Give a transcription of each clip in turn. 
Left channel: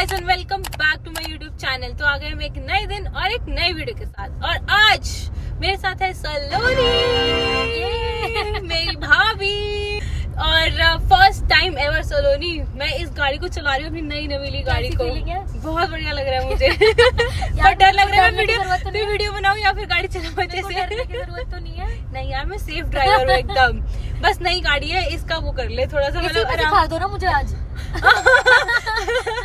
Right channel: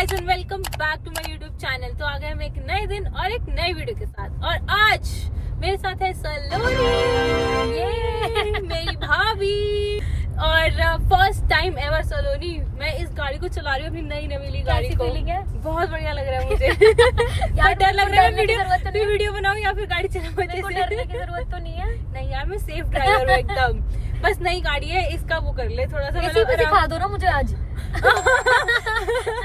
Guys and welcome back to my YouTube channel. तो आ गए हम एक नए दिन और एक नई वीडियो के साथ। और आज मेरे साथ है सलोनी, मेरी भाभी, और फर्स्ट टाइम एवर सलोनी मैं इस गाड़ी को चला रही हूँ, अपनी नई नवीली गाड़ी को। है? बहुत बढ़िया लग रहा है मुझे। यार डर लग रहा है वीडियो बनाऊं या फिर गाड़ी चलाऊं अच्छे से। डरने की जरूरत तो नहीं है। नहीं यार मैं सेफ ड्राइवर हूँ एकदम। बस नई गाड़ी है, इसका वो कर ले थोड़ा सा, मतलब सिखा दो ना मुझे आज।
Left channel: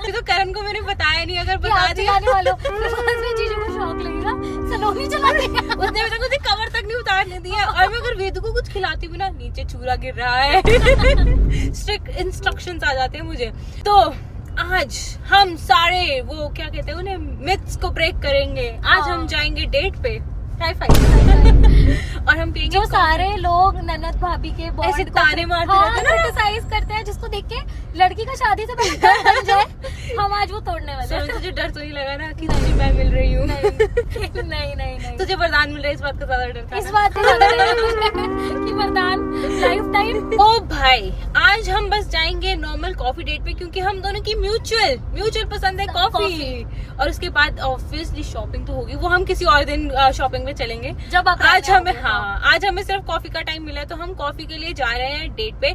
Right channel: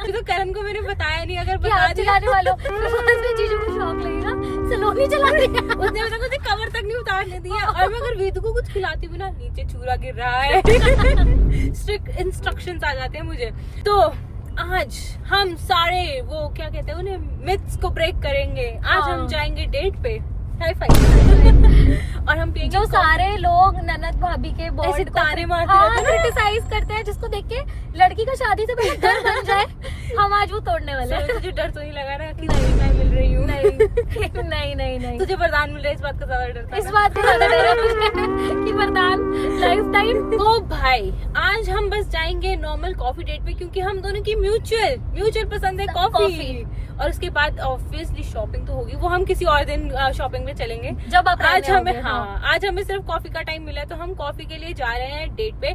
तो करण को मैंने बताया नहीं, अगर बता दिया वालों जीजू को शौक लगेगा सलोनी चलाने का। उसने अभी तक मुझे कवर तक नहीं उतारने दिया। और मैं अगर वेदू को कुछ खिलाती भी ना, नीचे चूरा गिर रहा है। स्ट्रिक्ट इंस्ट्रक्शंस आ जाते हैं मुझे। तो आज हम सारे वो क्या कहते हैं उन्हें, मिथ्स को ब्रेक करेंगे। आज हम जाएंगे डेट पे, हाई फाइव। और हम पिएंगे जो सारे लोग ननद भाभी के बॉन्ड को ताने मारते रहते हैं, क्रिटिसाइज करते हैं, जिसको देख के लड़की का शादी से पहले डर बन जाए, हम आज वो तोड़ने वाले हैं। तुझे डर तो नहीं लगा ना कि मैं मिल रही हूँ? नहीं। तुझे वरदान मिल रहा है, इस बात का ज्यादा डर था। इस बात का ज्यादा डर कि वरदान लाइफ टाइम। ओ भाई, आज हम बस जाएंगे नॉर्मल कॉफी डेट पे, क्योंकि हम दोनों की म्यूचुअल पसंद है कॉफी। और उसके बाद ऑब्वियसली शॉपिंग तो होगी, वो हम किसी और दिन शॉपिंग में चलेंगे जब आप आज हमें आज हमें सिर्फ कॉफी का टाइम मिला है, तो हम कॉफी के लिए जा रहे हैं डेट पे।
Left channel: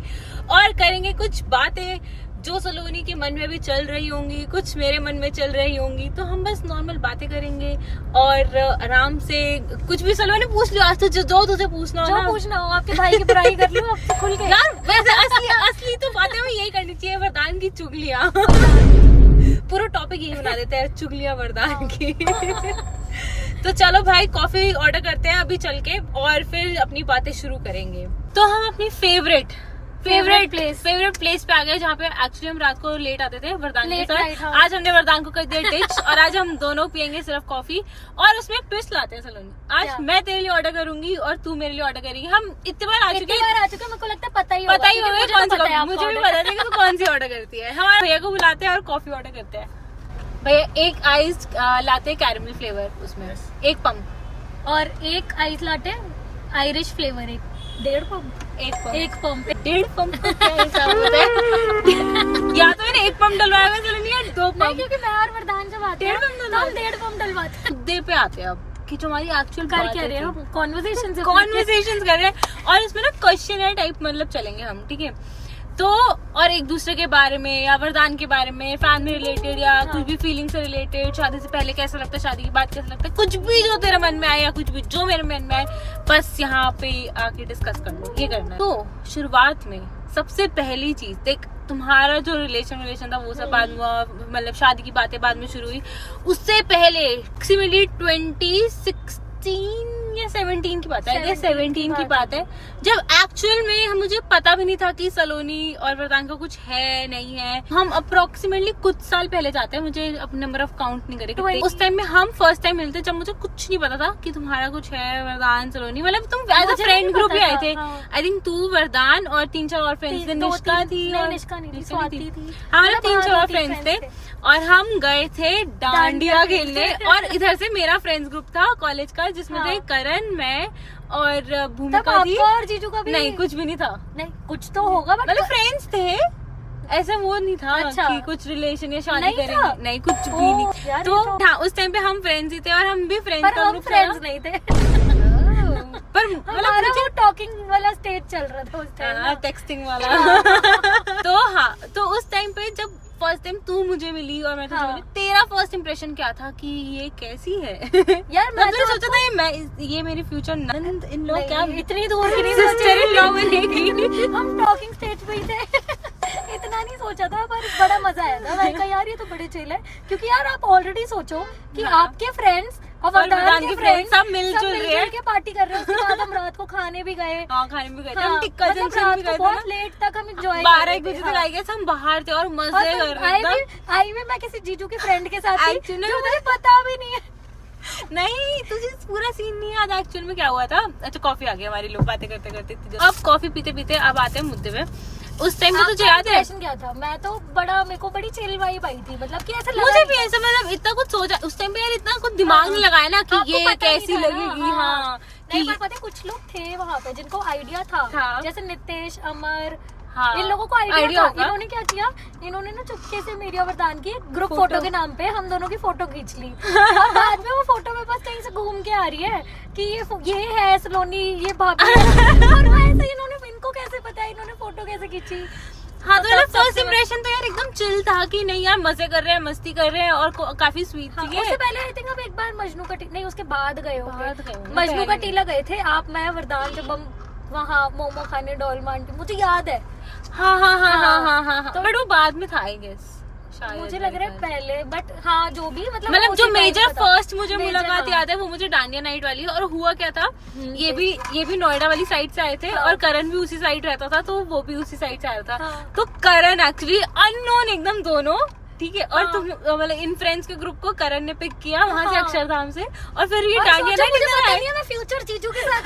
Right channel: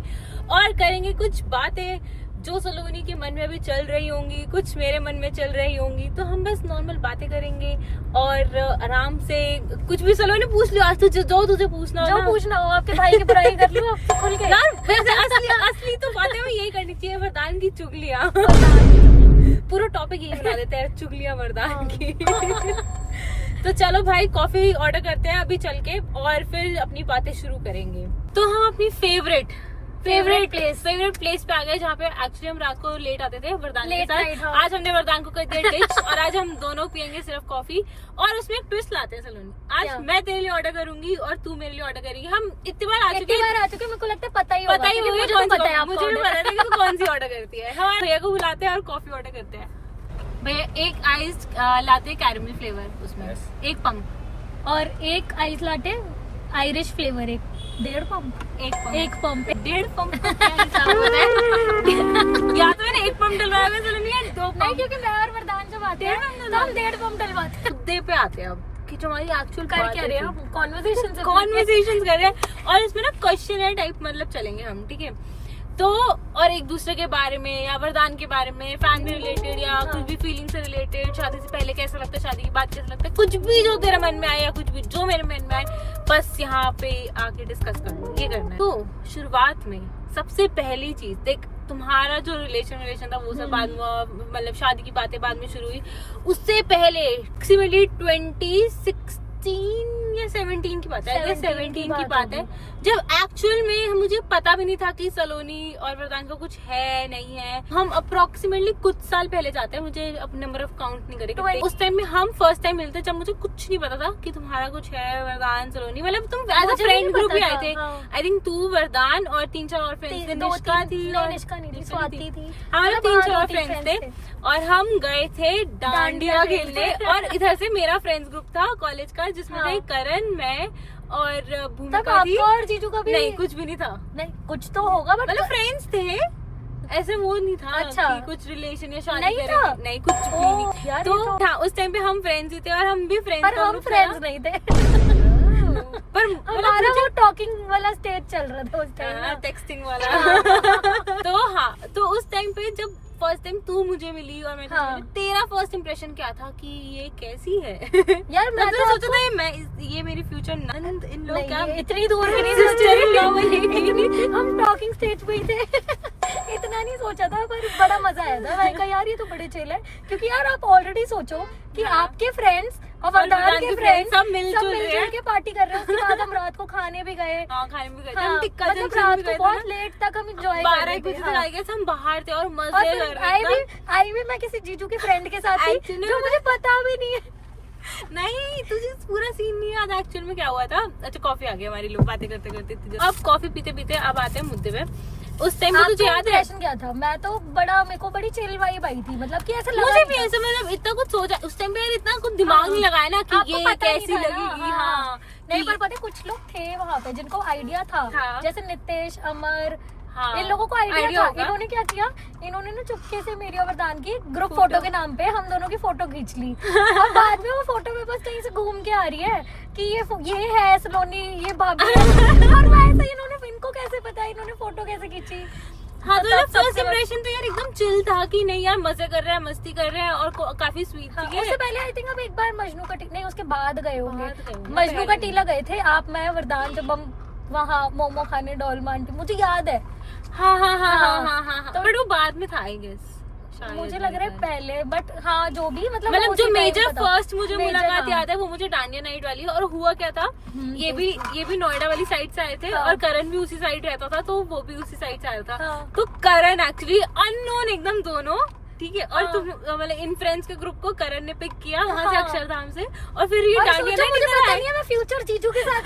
और करेंगे कुछ बातें जो सलोनी के मन में भी चल रही होंगी, कुछ मेरे मन में चल रही होंगी। तो हम बस नॉर्मल बातें करेंगे और आराम से कुछ भी। सलोनी पूछ लियो आज तुझे जो तुझे पूछना हो, पूछना हो। आपके भाई की बुराई कर लो खुल के। यार असली तो बातें में यही करनी चाहिए, वरदान की चुगलियां। पूरा टॉपिक यही बना देता है, चुगलियां वरदान की। तो चलो भाई कॉफी ऑर्डर करते हैं अभी चल के, और फिर अपनी बातें शुरू करेंगे। तो हम अपनी फेवरेट प्लेस पे आ गए, जहाँ पे एक्चुअली हम रात को लेट आते थे वरदान के साथ। आज हमने वरदान को कर दिया डिच, और आज हम दोनों पियेंगे सिर्फ कॉफी। और उसमें एक ट्विस्ट लाते हैं सलोनी, आज मैं तेरे लिए ऑर्डर करूंगी और तू मेरे लिए ऑर्डर करेगी। हम इतने बार आ चुके हैं, मेरे को लगता है पता ही होगा मुझे भी पता था कि तू कौन सी ऑर्डर करती है। हमारे भैया को बुलाते हैं और कॉफी ऑर्डर करते हैं। भैया एक आइस लाते कैरेमल फ्लेवर, उसमें एक पंप, और एक आइस लाटे आयरिश फ्लेवर, एक 1.5 पंप। एक पंप या तो मैंने 1 पंप डलवाया चलो नहीं यार 2 पंप, क्योंकि मैं और वरदान जब आते हैं 1.5 पंप डलवाते हैं। मुद्दे पे आते हैं अब कि जो हमारी एक्चुअल कर क्या रहे हो, कॉन्वर्सेशंस कर रहे हैं। और इसमें ना क्वेश्चन टाइप मतलब चलेंगे हम, ठीक है। तो और एक दूसरे के बारे में या वरदान के बारे में, फैमिली रिलेटेड या कुछ भी फीलिंग से रिलेटेड, शादी से पहले कैसा लगता है, शादी के बाद कैसा लगता है, कुछ भी जो तेरे मन में आए या कुछ भी जो मेरे मन में आए, बस यहाँ पे आके डिस्कस करना, ये करना है। तो शुरुआत में सबसे पहली चीज देख, तुम्हारा जो रिलेशन था वो सब बाद में, मतलब शादी की बातें बाद में शुरू हुई। उससे पहले 2016 या 17 की बात है, 17 की बात है, जब एक्चुअल में मुझे पता भी नहीं था कि सलोनी और वरदान का कुछ है नहीं है। हम अप्रोक्सीमेटली कुछ साल पहले जाते हैं, मुझे अपना नंबर ऑफ काउंट नहीं करे। उस टाइम में हम फर्स्ट टाइम मिलते, जब मुझे कुछ नहीं पता था कि तुम्हारा कुछ है वरदान सलोनी, मतलब तुम एज अ फ्रेंड ग्रुप भी आए थे। आई थिंक तू, वरदान और 3-4 और फ्रेंड्स थे, निष्का थी और हमारे 3-4 और फ्रेंड्स थे। और हम गए थे डांडिया खेलने, और इधर से मेरा फ्रेंड्स ग्रुप था कॉलेज का, जिसमें थे करण, मैं और भूमिका थी, और जीजू का भी नहीं कुछ भी नहीं था। नहीं कुछ तो होगा, मतलब फ्रेंड्स थे, ऐसा वो नहीं था कि कुछ रिलेशन या शादी करेंगे, नहीं कुछ भी नहीं। तो हाँ, उस टाइम पे हम फ्रेंड्स ही थे, और हम भी फ्रेंड्स का ग्रुप नहीं थे। पर हमारा वो टॉकिंग वाला स्टेज चल रहा था उस टाइम, टेक्सटिंग वाला। तो हाँ, तो उस टाइम पे जब फर्स्ट टाइम तू मुझे मिली और मैं तुझे मिली, तेरा फर्स्ट इंप्रेशन क्या था कि ये कैसी है? यार मैं तो सोचा था मैं ये मेरी फ्यूचर ननद इन लॉ क्या इतनी दूर सिस्टर इन लॉ बनेगी। हम टॉकिंग स्टेज पे ही थे। इतना नहीं सोचा था, पर बड़ा मजा आया था। मैंने कहा यार ये तो बड़े चिल है, क्योंकि यार आप ऑलरेडी सोचो कि आपके फ्रेंड्स और वरदान के फ्रेंड्स सब मिलजुल रहे हैं, के पार्टी कर रहे हैं। उसके बाद हम रात को खाने भी गए, खाने भी गए थे, हम टिक्का जंक्शन भी गए थे, बहुत लेट तक हम एंजॉय 12 बजे तक आई गए, हम बाहर थे और मजे कर रहे थे। आई भी मैं किसी जीजू के फ्रेंड के साथ थी, जो मुझे पता भी नहीं है। नहीं तुझे पूरा सीन नहीं याद एक्चुअल में क्या हुआ था। अच्छा कॉफी आ गई हमारी, लोग बातें करते करते। अब कॉफी पीते पीते अब आते हैं मुद्दे पे। उस टाइम पे तुझे याद है क्या था? मैं तो मेरे को बड़ी चिल वाइब आई थी, मतलब कि ऐसा मुझे भी ऐसा, मतलब इतना कुछ सोचा उस टाइम पे यार, इतना कुछ दिमाग नहीं लगाया ना कि ये कैसी लगेगी। हाँ नहीं, पर पता है कुछ लोग थे वहाँ पे जिनको आइडिया था, जैसे नितेश, अमर, हाँ, इन लोगों को idea आइडिया था। होगा। इन्होंने क्या किया, इन्होंने ना चुपके से मेरी और वरदान की ग्रुप फोटो के नाम पे हम दोनों की फोटो खींच ली। और बाद में वो फोटो में बस कहीं से घूम के आ रही है कि ये है सलोनी, ये भाभी। और वैसे ही इनको कैसे पता है इन्होंने फोटो कैसे खींची। हाँ, तो फर्स्ट इम्प्रेशन तो यार एकदम चिल था कि नहीं यार मजे कर रहे हैं, मस्ती कर रहे हैं और काफी स्वीट हाँ, थी। उससे पहले आई थिंक अब एक बार मजनू का टीला, नहीं उसके बाद गए होंगे, बाद गए होंगे, मजनू का पहले टीला गए थे आप, मैं, वरदान, जब हम वहाँ मोमो खाने डोलमा आंटी, मुझे याद है। हाँ हाँ हाँ हाँ हाँ, हाँ हाँ, तो- बट वो बाद में था आई गेस, मुझे लग रहा है पहले, बट हाँ जो भी मतलब जो उसी मेजर time का था। फर्स्ट मुझे Major, मुलाकात हाँ। याद है वो मुझे डांडिया नाइट वाली है। और हुआ क्या था, ये yes। भी नोएडा वाली साइड से आए थे हाँ। और करण भी उसी साइड रहता था, तो वो भी उसी साइड से आया था। हाँ। तो करण एक्चुअली अननोन एकदम दोनों, ठीक है, और हाँ। तुम मतलब इन फ्रेंड्स के ग्रुप को करण ने पिक किया वहाँ से हाँ। अक्षरधाम से, और फिर ये और डांडिया सोचो, मुझे पता नाइट नहीं है मैं फ्यूचर जीजू के साथ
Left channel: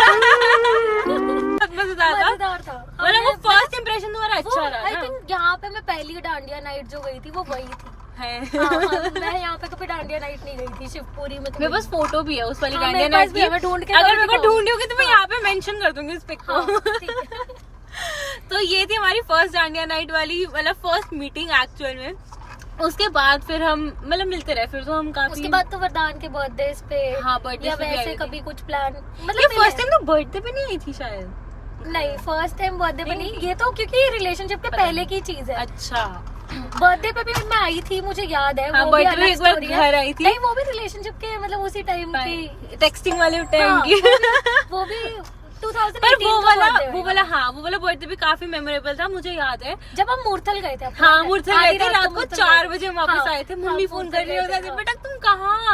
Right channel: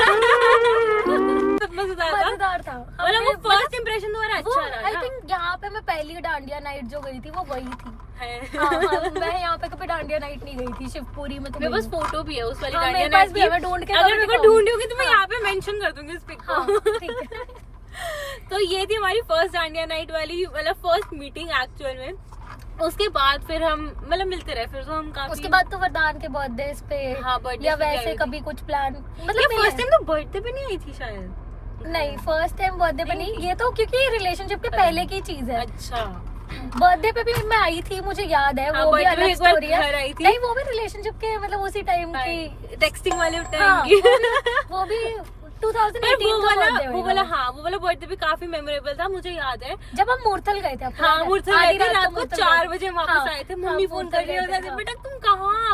मजेदार था। मजेदार था। मतलब वो फर्स्ट इम्प्रेशन तुम्हारा अच्छा रहा आई ना। थिंक यहाँ पे मैं पहली डांडिया नाइट जो गई थी वो वही थी। है। हाँ, हाँ, मैं यहाँ पे तो फिर डांडिया नाइट नहीं गई थी, शिवपुरी में तो मेरे गई पास हूँ। फोटो भी है उस वाली हाँ, डांडिया मेरे नाइट पास भी की। है, मैं ढूंढ के अगर मेरे को दिखाऊंगी। ढूंढ होगी तो मैं यहाँ पे मेंशन कर दूंगी इस पिक को। हाँ, ठीक है। तो ये थी हमारी फर्स्ट डांडिया नाइट वाली, मतलब फर्स्ट मीटिंग एक्चुअल में। उसके बाद फिर हम मतलब मिलते रहे, फिर तो हम काफी, उसके बाद तो वरदान के बर्थडे पे, हाँ, birthdays या पे भी वैसे आई थी। कभी कुछ प्लान, ये मतलब फर्स्ट टाइम तो बर्थडे पे नहीं आई थी शायद। नहीं फर्स्ट टाइम बर्थडे पे नहीं नहीं, ये तो क्योंकि रिलेशनशिप के पता पहले नहीं। की चीज है। अच्छा, बर्थडे पे भी मैं आई थी, मुझे याद है। हाँ, वो भी birthday पे अलग एक बार story है। घर आई थी। नहीं वो भी रिलेशनशिप के मतलब उसी टाइम की, टेक्सटिंग वाले टाइम हाँ, की। वो भी 2018 पर वो का वाला birthday वो होगा। वाला हाँ, वो वाला बर्थडे भी काफी मेमोरेबल था, मुझे याद है। जब हम मूर्थल गए थे, हाँ, मुझसे गए थे रात को मूर्थल 4 गए बजे थे। वापस हाँ, आए थे। हाँ, मम्मी फोन मूर्थल कर रही गए होती थे, थी, हाँ। बेटा तुम कहाँ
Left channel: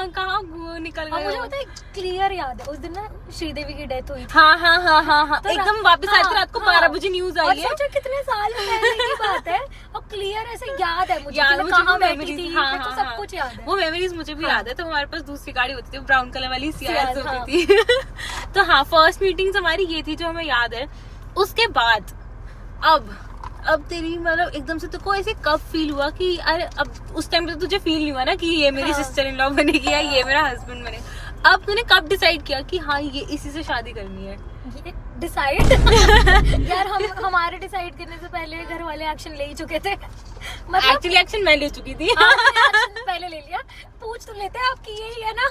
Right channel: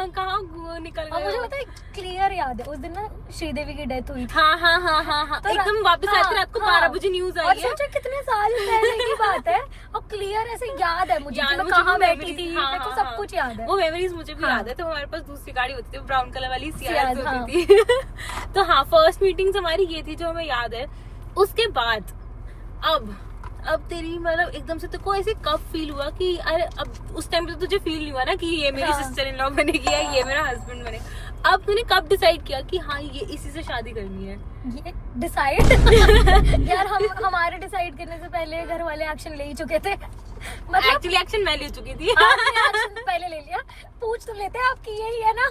निकल और गए मुझे हो? पता है क्लियर याद है उस दिन ना श्रीदेवी की डेथ हुई थी। हाँ हाँ हाँ हाँ हाँ, तो एकदम रात- वापस आए थे हाँ, रात को हाँ। 12 बजे न्यूज और आई है। सोचो कितने साल पहले की बात है, और क्लियर ऐसे याद है मुझे याद, कि मैं मुझे कहाँ भी बैठी memories- थी, हाँ, मेरे को हाँ, सब हाँ। कुछ याद है। वो मेमोरीज मुझे भी हाँ। याद है। तो हमारे पास दूसरी गाड़ी होती थी, ब्राउन कलर वाली सियाज सियाज, होती थी। तो हाँ, फर्स्ट मीटिंग्स हमारी ये थी जो हमें याद है। उसके बाद अब तेरी मतलब एकदम से तुमको ऐसे कब फील हुआ कि अरे अब उस टाइम पे तुझे फील नहीं हुआ ना कि ये मेरी हाँ। सिस्टर इन लॉ बनेगी या ये मेरा हस्बैंड बने। अब तूने कब डिसाइड किया कि हाँ ये इसी से शादी करनी है? ये डिसाइड यार हमारे डिसाइड करने से पहले घर वाले एक्शन ले ही चुके थे। मतलब एक्चुअली एक्शन मैं ले चुकी थी। आपने action पहले ले लिया, पूछ तो लेते हैं आपकी यही है ना।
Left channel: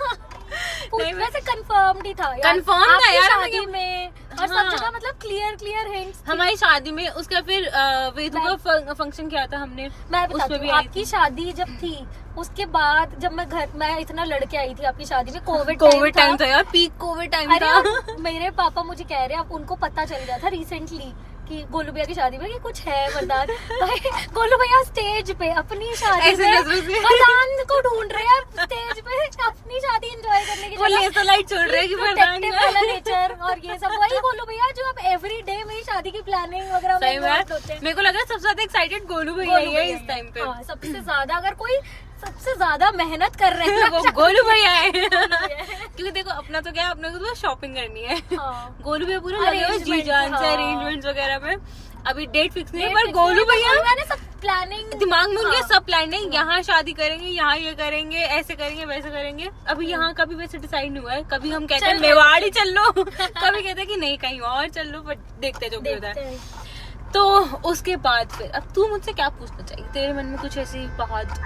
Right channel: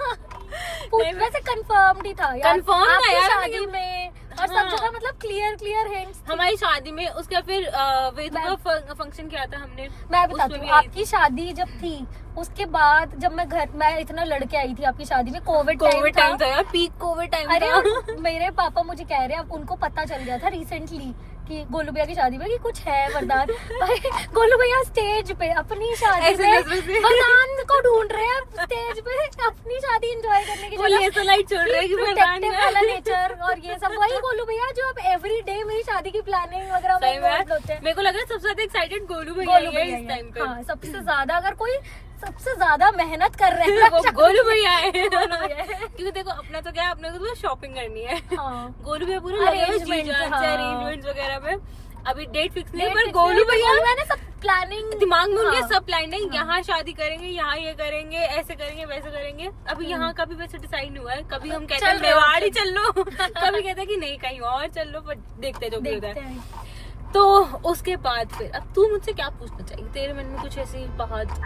नहीं, मैं- वैसे कंफर्म ही था यार, Confirm था आपकी यार, शादी में और सब हाँ। जगह मतलब क्लियर हिंट्स। हमारी शादी में उसका फिर वेदू का फंक्शन किया था हमने। मैं उसमें बताती भी हूँ, आई आपकी थी। शादी जब थी उसके बाद जब मैं इतना लड़के आई थी आपकी शादी में, कोविड टाइम था यार, पीक कोविड टाइम अरे था। और मेरे पापा मुझे कह रहे हैं, अब उनको पता चल गया था रिसेंटली कि गोलू भैया की शादी में कि कुछ है वरदान। भाई गोलू भैया स्टेज पे अपनी शादी ऐसे में नजरों से। वरदान को ढूंढ रहे हैं स्टेज पे अपनी शादी एंजॉय करने की वो जगह। लेजर लाइट छोड़ रहे हैं कि वरदान Protective है। वाला nature और ये सब वही गोलू भैया जो अब एवरी डे मेरी शादी की प्लानिंग वगैरह में सही involved बात, होते हैं। मेरे को लग रहा है सबसे ज्यादा एक्साइटेड गोलू भैया गोलू ही है भैया इस ही टाइम पे। हाँ, सबसे ज्यादा अगर कोई सबसे ज्यादा मेहनत कर रहे हैं वो गोलू भैया है। गोलू भैया है। क्योंकि देखो अपना तो क्या है, अपने को तो शॉपिंग करनी है। हाँ। गोलू भैया पूरे लगे हुए जी Arrangement, जान से हाँ। अरेंजमेंट्स वगैरह में। अभी डेट फिक्स नहीं है, Date पर fix गोलू नहीं है, भैया गोलू भैया ने सब प्लानिंग दिमाग में उनके हाँ। सब प्लान है, यहाँ शादी करेंगे, यहाँ ये करेंगे, ऐसे करेंगे, वैसे करेंगे। अभी यहाँ का भी वैसे डिसाइड नहीं हुआ है। कभी हम कहते हैं चल मेवाड़ ही चल लो, कभी कहते हैं कि नहीं कहीं और चल लो, पर देखते हैं जो भी होता देखते है। हैं। तो उसके बाद फिर अब तू मुझसे क्या पूछना चाहिए, तेरे मन में कुछ ऐसी बात?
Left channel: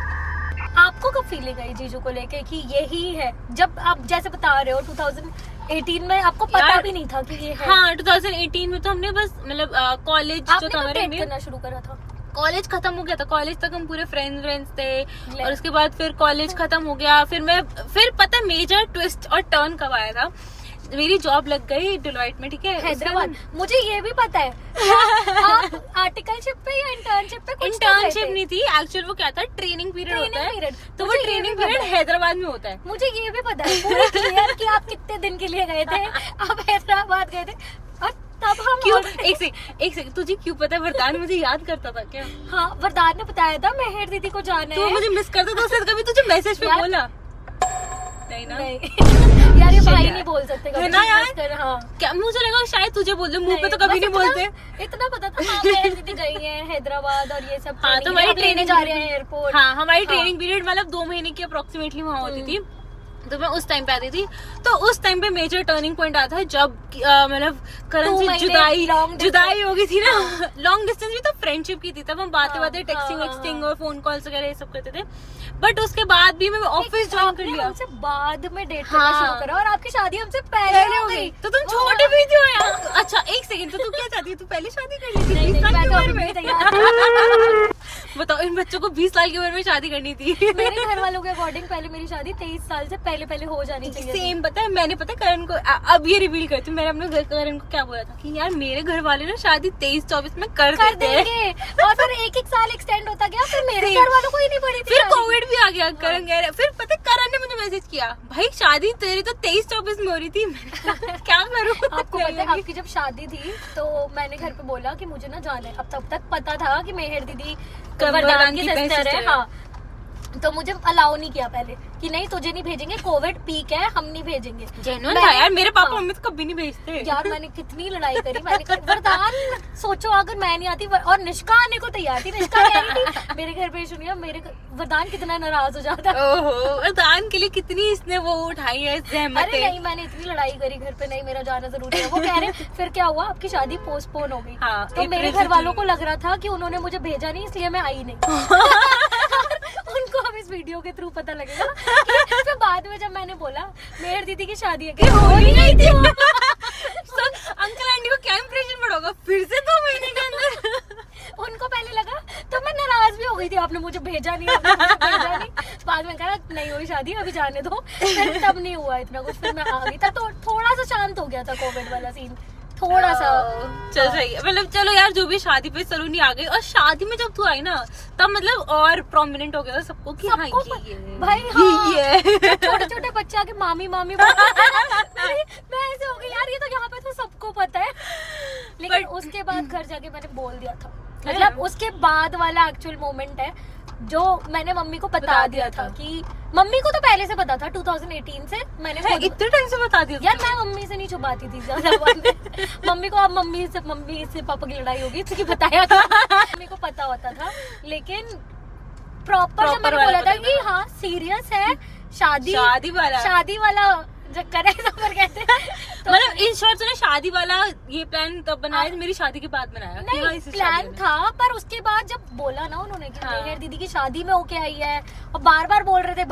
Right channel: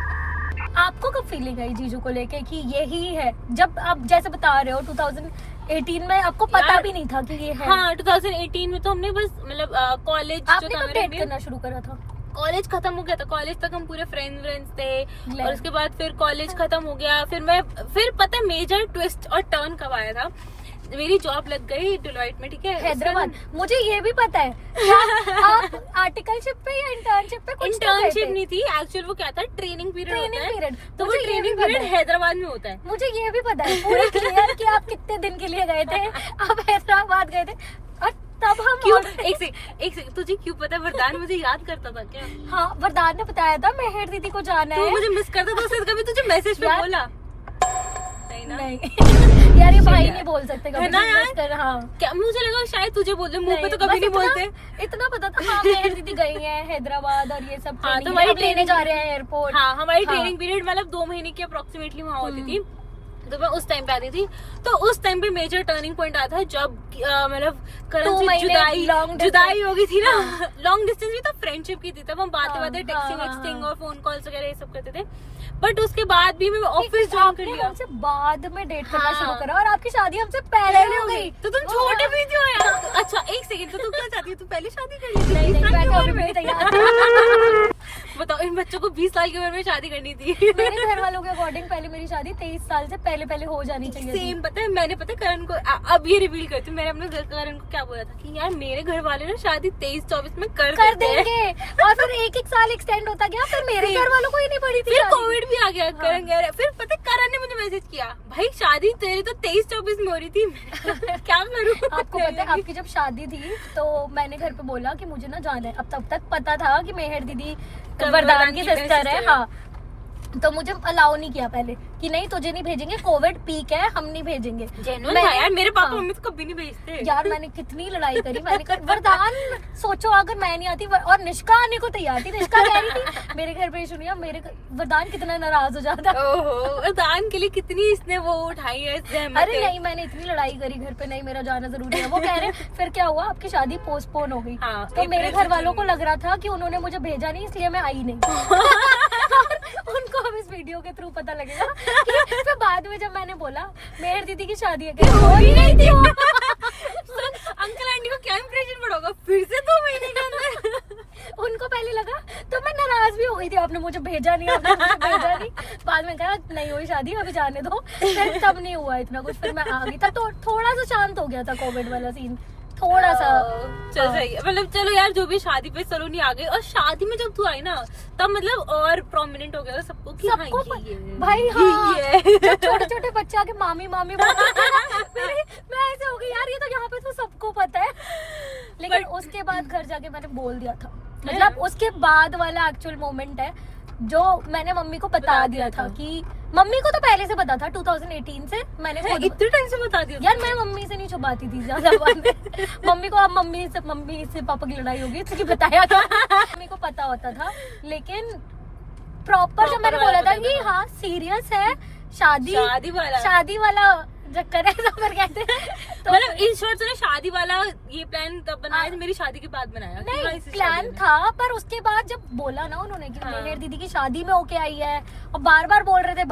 आपको कब फीलिंग आई जीजू को लेके कि यही है? जब आप जैसे बता रहे हो 2018 में आपको पता यार, भी नहीं था कि ये है। हाँ 2018 में तो हमने बस मतलब कॉलेज जो आपने था कब हमारा, डेट करना शुरू करा था? कॉलेज खत्म हो गया था। कॉलेज तक हम पूरे फ्रेंड्स थे, ले। और उसके बाद फिर कॉलेज खत्म हो गया। फिर पता मेजर ट्विस्ट और टर्न कब आया था, मेरी जॉब लग गई डिलॉइट में, ठीक है, हैदराबाद। मुझे ये भी पता है आप आर्टिकलशिप पे या इंटर्नशिप पे कुछ तो गए इंटर्नशिप थे। नहीं थी एक्चुअल, वो क्या था ट्रेनिंग पीरियड होता ट्रेनिंग है, पीरियड। तो वो मुझे ये ट्रेनिंग भी पता पीरियड है। हैदराबाद में होता है। मुझे ये भी पता है पूरी clear कि आप कितने दिन के लिए गए थे। आप हैदराबाद गए थे और तब हम क्यों एक सेकंड तुझे क्यों पता है वरदान मुझे याद करता था क्या? हाँ वरदान ने बताया था मेहर दीदी को जाना तू है। मुझे मिस करता था, उसने कभी तुझे मैसेज पे यार- बोला नहीं ना? नहीं यार ये भाई नहीं बोल सकते है कभी ना यार? request कर, हाँ क्या मुझे लगा शायद तुझे बोल दे, मुंह पे तो कभी नहीं बस बोलते। इतना पता था हाँ मेहर दीदी गई हैं हैदराबाद और ये सब हाँ, training तो है, वही अब लेने training जा रहे हैं एयरपोर्ट। हाँ हमारी हाँ। ट्रेनिंग पीरियड मतलब 2 महीने की अप्रोक्सीमेटली वहाँ होती थी। तो मैं उस टाइम पे आती थी। तो उस टाइम पे मेजर टर्निंग पॉइंट आया था जब मतलब करण से जुदाई हो गई थी ना। लॉन्ग डिस्टेंस भी तो फ्रेंडशिप की थी, तब हम बातें टेक्सटिंग और फोन कॉल्स वगैरह ये सब करते थे। बट उसके बाद भी मैं ऑफिस ज्वाइन कर लिया। हमसे बाद में डेट करना शुरू करा और आपकी शादी हमसे पहले हो गई। तो तुम छोटी भी थी यार। अच्छा एक सेकंड, तो तू क्या चाहती है? तू पहले शादी कर ली थी? 20 साल की उम्र में? बताओ, इन बच्चों को 20 साल की उम्र में शादी करनी थी। मेरे घर वालों के अकॉर्डिंग पहले मेरी शादी 23 साल से पहले हो जानी चाहिए। सेम पता है, मैंने पता है करण को अब ये रिवील करती हूँ, मैंने अपने करण को क्या बोला था कि यार मेरे घर वाले ना शादी 23-24 में कर देंगे। और फिर एक साल एक्सटेंड होता गया, फिर मेरे घर वालों को ही नहीं पड़ी थी। फिर कोविड भी आ गया। करण कह रहे, फिर पता है करण ने मुझे मैसेज किया, भाई शादी तेरी तो 23-24 में हो रही थी। क्या करूँ? आपको पता है आपकी जब शादी थी तो मैंने घर पे बोला कि मुझे ना जाना है। अब तब तक पता था कि मेहर दीदी वरदान की सिस्टर है। हाँ, तो मुझे अलाउ नहीं किया पहले कि नहीं तुझे नहीं भेजेंगे, कोविड पीक है, हम नहीं भेजेंगे। जेन्युइन था यार, मेरे पापा मम्मी तो कभी नहीं भेजते यार। मैंने कितनी लड़ाई करी। मैंने वरदान सोचो अगर मैं नहीं आती और निष्का आने को तैयार थी, निष्का कह रही थी मेरे घर पे सुनिए, मेरे वरदान कितना नाराज हो जाता। ओहो, वरदान के लिए कितनी इसने वो उठाई है सहमत। अरे नहीं, मैंने इतनी लड़ाई करी घर पे, नहीं मेरा जाना जरूरी है। वो कह रहे फिर क्या हुआ, आपकी शादी पोस्टपोन हो गई। तो मेरे घर वालों को लग रहा था कि उन्होंने मुझे भेजा नहीं, इसलिए मैं आई नहीं। उनको अब इस वीडियो के थ्रू पता लगेगा कि फिर बाद में जब मैंने बोला मेहर दीदी की शादी है, हो ही नहीं थी वो। अंकल आंटी को क्या इंप्रेशन पड़ोगा फिर से 2 महीने के अंदर। उनको पहले लगा तो मैं नाराज भी हो गई थी, आपने मुझे भेजा नहीं, आपने मुझे भेजा नहीं। बाद में कहा नहीं हुई शादी, अभी जाने दो। फिर तब नहीं हुआ इतना कुछ, फिर मैं आ गई। तब तो थोड़ा सा शांत हो गया था कोविड वाला सीन, थोड़ा सा। चल सही है, मतलब चलो यार जो भी शादी पे सलोनी आ गई। और शादी में जब तू आई ना तब मतलब और प्रोमिनेंट हो गया था सबको कि हाँ ये भाई हाँ, छोटे छोटे बच्चे आके मामी मामी मैं ऐसे हो गई यार, ये तो यहाँ पे तो सबको पता है। लेकिन उसके बाद घर जाके मैंने बोल दिया था, मतलब उसके बाद वाला एक्चुअल मोमेंट है जो मैंने मम्मी को बता दिया था कि मम्मी को तो पहले से पता था 2018 से। मैंने इतने टाइम से बता दिया यार, मैं मम्मी से नहीं छुपाती थी ज्यादा बात। मम्मी को अब मम्मी से पापा की लड़ाई होगी क्योंकि बताया था। मम्मी को पता होता था, लेकिन प्रॉपर जब मैंने बोला था कि हाँ सीरियस है, शादी वाला चक्कर है, तो फिर कहते तो मतलब इन शॉर्ट से ना शादी वाला ये प्लान तब बनाया था, मेरी शादी के बाद बनाया। नहीं प्लान था, पर उसके बाद जब बोला ना उन्होंने कि मेहर दीदी की शादी में होके आई है और बार बार बोल रहे थे,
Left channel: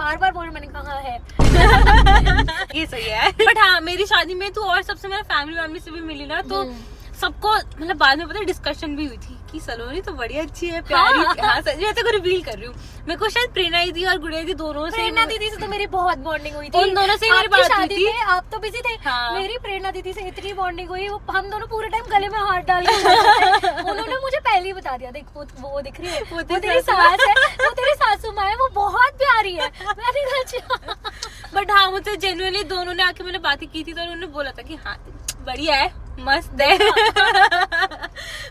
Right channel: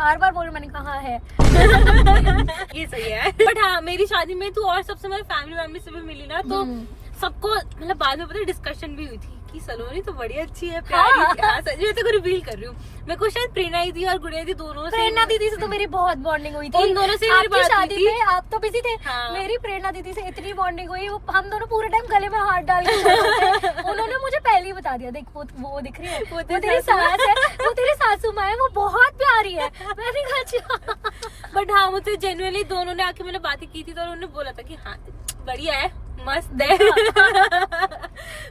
मैंने कहा है ये सही है। बट हाँ मेरी शादी में तो और सबसे मेरा फैमिली से भी मिली ना, तो सबको मतलब बाद में पता डिस्कशन भी हुई थी कि सलोनी तो बड़ी अच्छी है, प्यारी। हाँ मैं तो रिवील कर रही हूँ। मेरे को शायद प्रेरणा दीदी और गुड़िया दीदी दोनों से, प्रेरणा दीदी से तो मेरी बहुत बॉन्डिंग हुई थी। उन दोनों से मेरी बात हुई थी। आप तो बिजी थे। हाँ। मेरी प्रेरणा दीदी से इतनी बॉन्डिंग हुई, हम दोनों पूरे टाइम गले में हाथ डाल के उन्होंने मुझे पहले ही बता दिया, देख वो दिख रही है, वो तेरी सास है, वो तेरी सासू माँ है, वो बहुत प्यारी है। मैंने कहा अच्छा। बट हाँ मुझे जेन्युइनली दोनों ने आके मैंने बातें की थी तो उन्होंने बोला था कि हाँ बढ़िया है, मस्त है।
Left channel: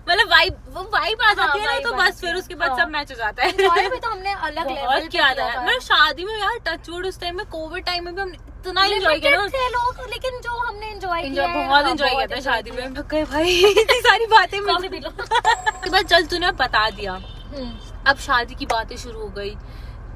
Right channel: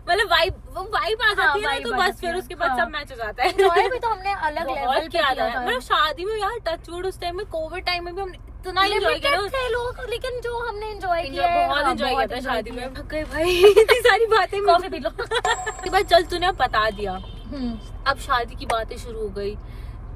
मतलब वाइब आ जाती है ना, तो बस फिर उसके बाद सब मैच हो जाता है। भी तो हमने अलग लेवल किया था। मतलब शादी में यार टचवुड उस टाइम में कोविड टाइम में भी हमने इतना एंजॉय किया थे लोग, लेकिन जो हमने एंजॉय किया बहुत एंजॉय किया था शादी में। भाई इतनी सारी बातें उसके बाद चल तूने बता दिया, अब शादी की बातें शुरू हो गई,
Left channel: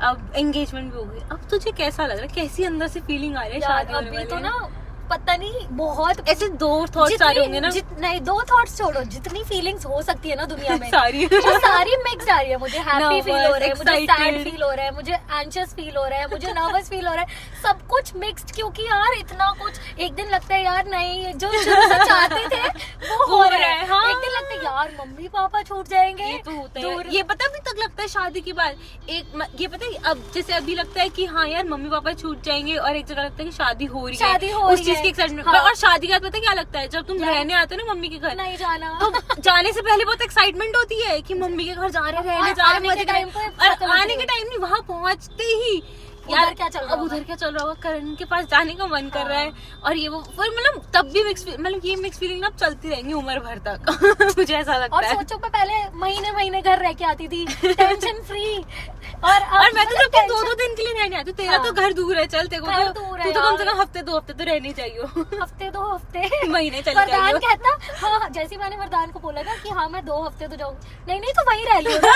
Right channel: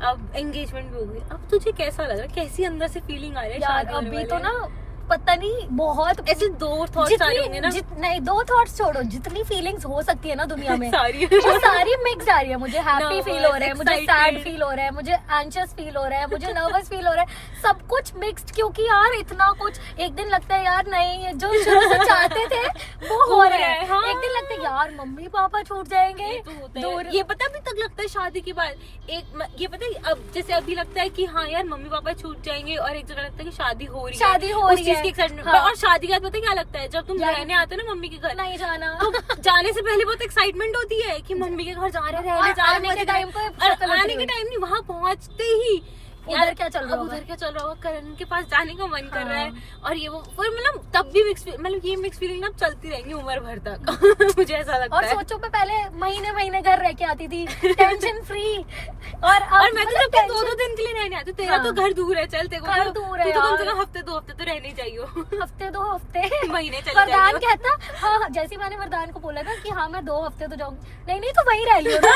अब एंगेजमेंट भी हो गई। अब तुझे कैसा लग रहा है, कैसी अंदर से फीलिंग आ रही है शादी होने अभी तो ना पता नहीं, बहुत ऐसे 2 थॉट्स आ रहे होंगे ना। नहीं 2 थॉट्स छोड़ो, जितनी फीलिंग्स हो सकती है ना दुनिया में सारी मिक्स आ रही है। मुझे हैप्पी फील हो रहा है, मुझे सैड फील हो रहा है, मुझे एंशियस फील हो रहा है, मुझे नर्वस फील हो रहा है, सब कुछ मिक्स्ड। क्योंकि यार इतना कुछ, एक दिन लगता है यार नहीं जो शुरू से चाहते थे वो हो रहा है, एक दिन लगता है यार मम्मी पापा छूट जाएंगे। ये पता अभी तक लगता है शादी के बाद ये पता है, अब जैसे अभी लगता है कि हाँ यार मम्मी पापा छूट जाएंगे, और एक जगह लगता है कि शादी हो रही है की एक्साइटमेंट। हाँ। और शादी के बाद पता क्या लगता है, जब तुम रहने आते हो ना मम्मी के घर, नहीं जाना, तो जाने से पहले बहुत एक्साइटमेंट होती है कि मम्मी के घर जा रहे, रहने जा रहे, मजे टाइम, और आने के टाइम नहीं, वहाँ पहुँचते ही यार क्या चल रहा है, उधर क्या चल रहा होगा, करण के पास जाने का मन कर रहा है, और ये वो फिर मतलब तब भी ये मिक्स फीलिंग ना चलती रहेंगी उम्र भर तक। मुझे ऐसा लगता है। और सोचो मैं पहले महीने घर रह के आती थी, टेंशन फ्री, और मैं तो जब 2-2 दिन के लिए रहने आती हूँ, तेरा तो घर दूर है, चल तेरे को तो कम से कम हफ्ते 2 हफ्ते तो रहने चाहिए। हफ्ते 2 हफ्ते महीने चले वरदान कहता हाँ, जैसे मैंने वरदान को बोला ना कि हाँ मैं 2 हफ्ते तो जाऊंगी, नहीं तो वहीं रह लियो ना,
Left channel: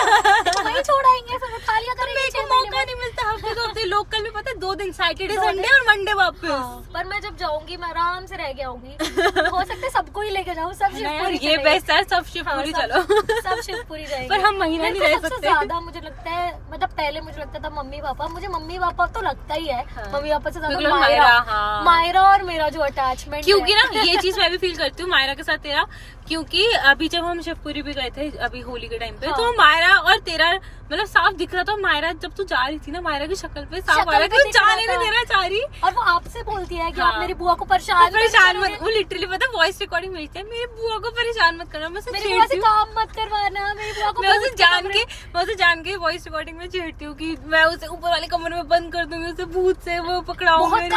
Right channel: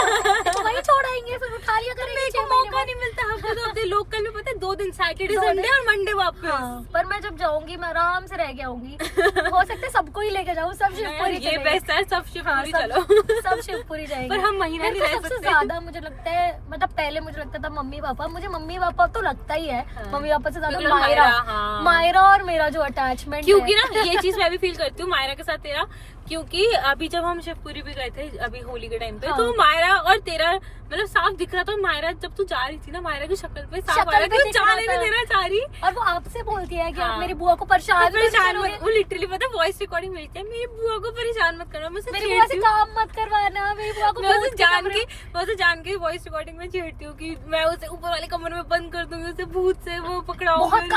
वहीं छोड़ आएंगे, फिर उठा लिया करेंगे। मौका नहीं मिलता हफ्ते 2 हफ्ते लोकल में पता है 2 दिन, सैटरडे संडे और मंडे वापस। हाँ, पर मैं जब जाऊंगी मैं आराम से रह के आऊंगी। हो सकता है सबको ही लेके जाऊँ, सब शिवपुरी ये बेस्ट है, सब शिवपुरी चलो। सब शिवपुरी जाएंगे। पर हम महीना नहीं रह सकते। सबसे ज्यादा मुझे लगता है, मतलब पहले मुझे लगता था मम्मी पापा, मुझे मम्मी पापा तो लगता ही है, मम्मी पापा से ज्यादा मायरा और मेरा जो अटैचमेंट, क्योंकि ना ये चीज मैं भी फील करती हूँ मायरा के साथ तेरा, क्योंकि अभी जब हम शिवपुरी भी गए थे अभी होली के टाइम पे, तो मायरा और तेरा मतलब साफ दिख रहा था। मायरा जब तू जा रही थी ना, मायरा की शक्ल पे साफ आ रहा था जाने नहीं देना चाह रही, और वो आपसे बोलती है कि आप मेरी बुआ को परेशान मत, वो लिटरली पता है वॉइस रिकॉर्डिंग मिलती है, मेरी बुआ को परेशान मत करना, मैं मेरी बुआ से काम मत करवाना, मेरी बुआ को, मैं उसे जान के वॉइस रिकॉर्डिंग में छेड़ती हूँ कि मैं उसे ऊपर वाले कमरे में बंद कर दूंगी, उसे भूत से वो पकड़ाऊंगी,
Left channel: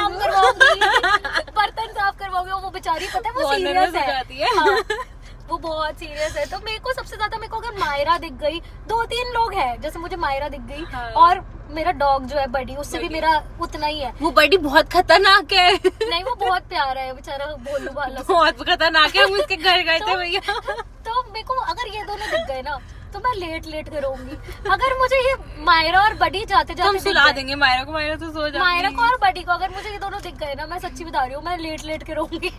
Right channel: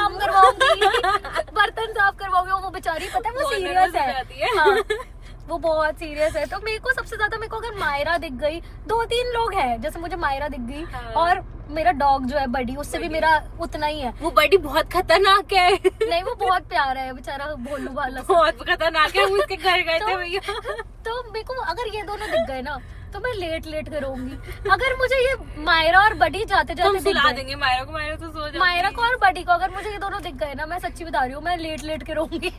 बर्तन साफ करवाओगे। वो बेचारी पता है वो सीरियस है, वो बहुत सीरियस है। तो मेरे को सबसे ज्यादा, मेरे को अगर मायरा दिख गई, 2-3 लोग हैं, जैसे मुझे मायरा दिख गई, और मेरा डॉग जो है बडी, उससे भी मेरा उतना ही है। वो बडी बहुत खतरनाक है। नहीं वो बहुत प्यारा है बेचारा, भोलू वाला बहुत खतरनाक है, हम उसके घर गए थे भैया। तो मेरे को अगर ये दोनों दिख गए ना तो मैं लेट के रोऊंगी। अगर मुझे ये मायरा और बडी जाते जाते सुला देंगे मायरा को, मायरा तो सो जाएगी। मायरा को और बडी को अगर मुझे ये दोनों दिख गए ना, मैं सच्ची बता रही हूँ, मैं लेट के रोऊंगी।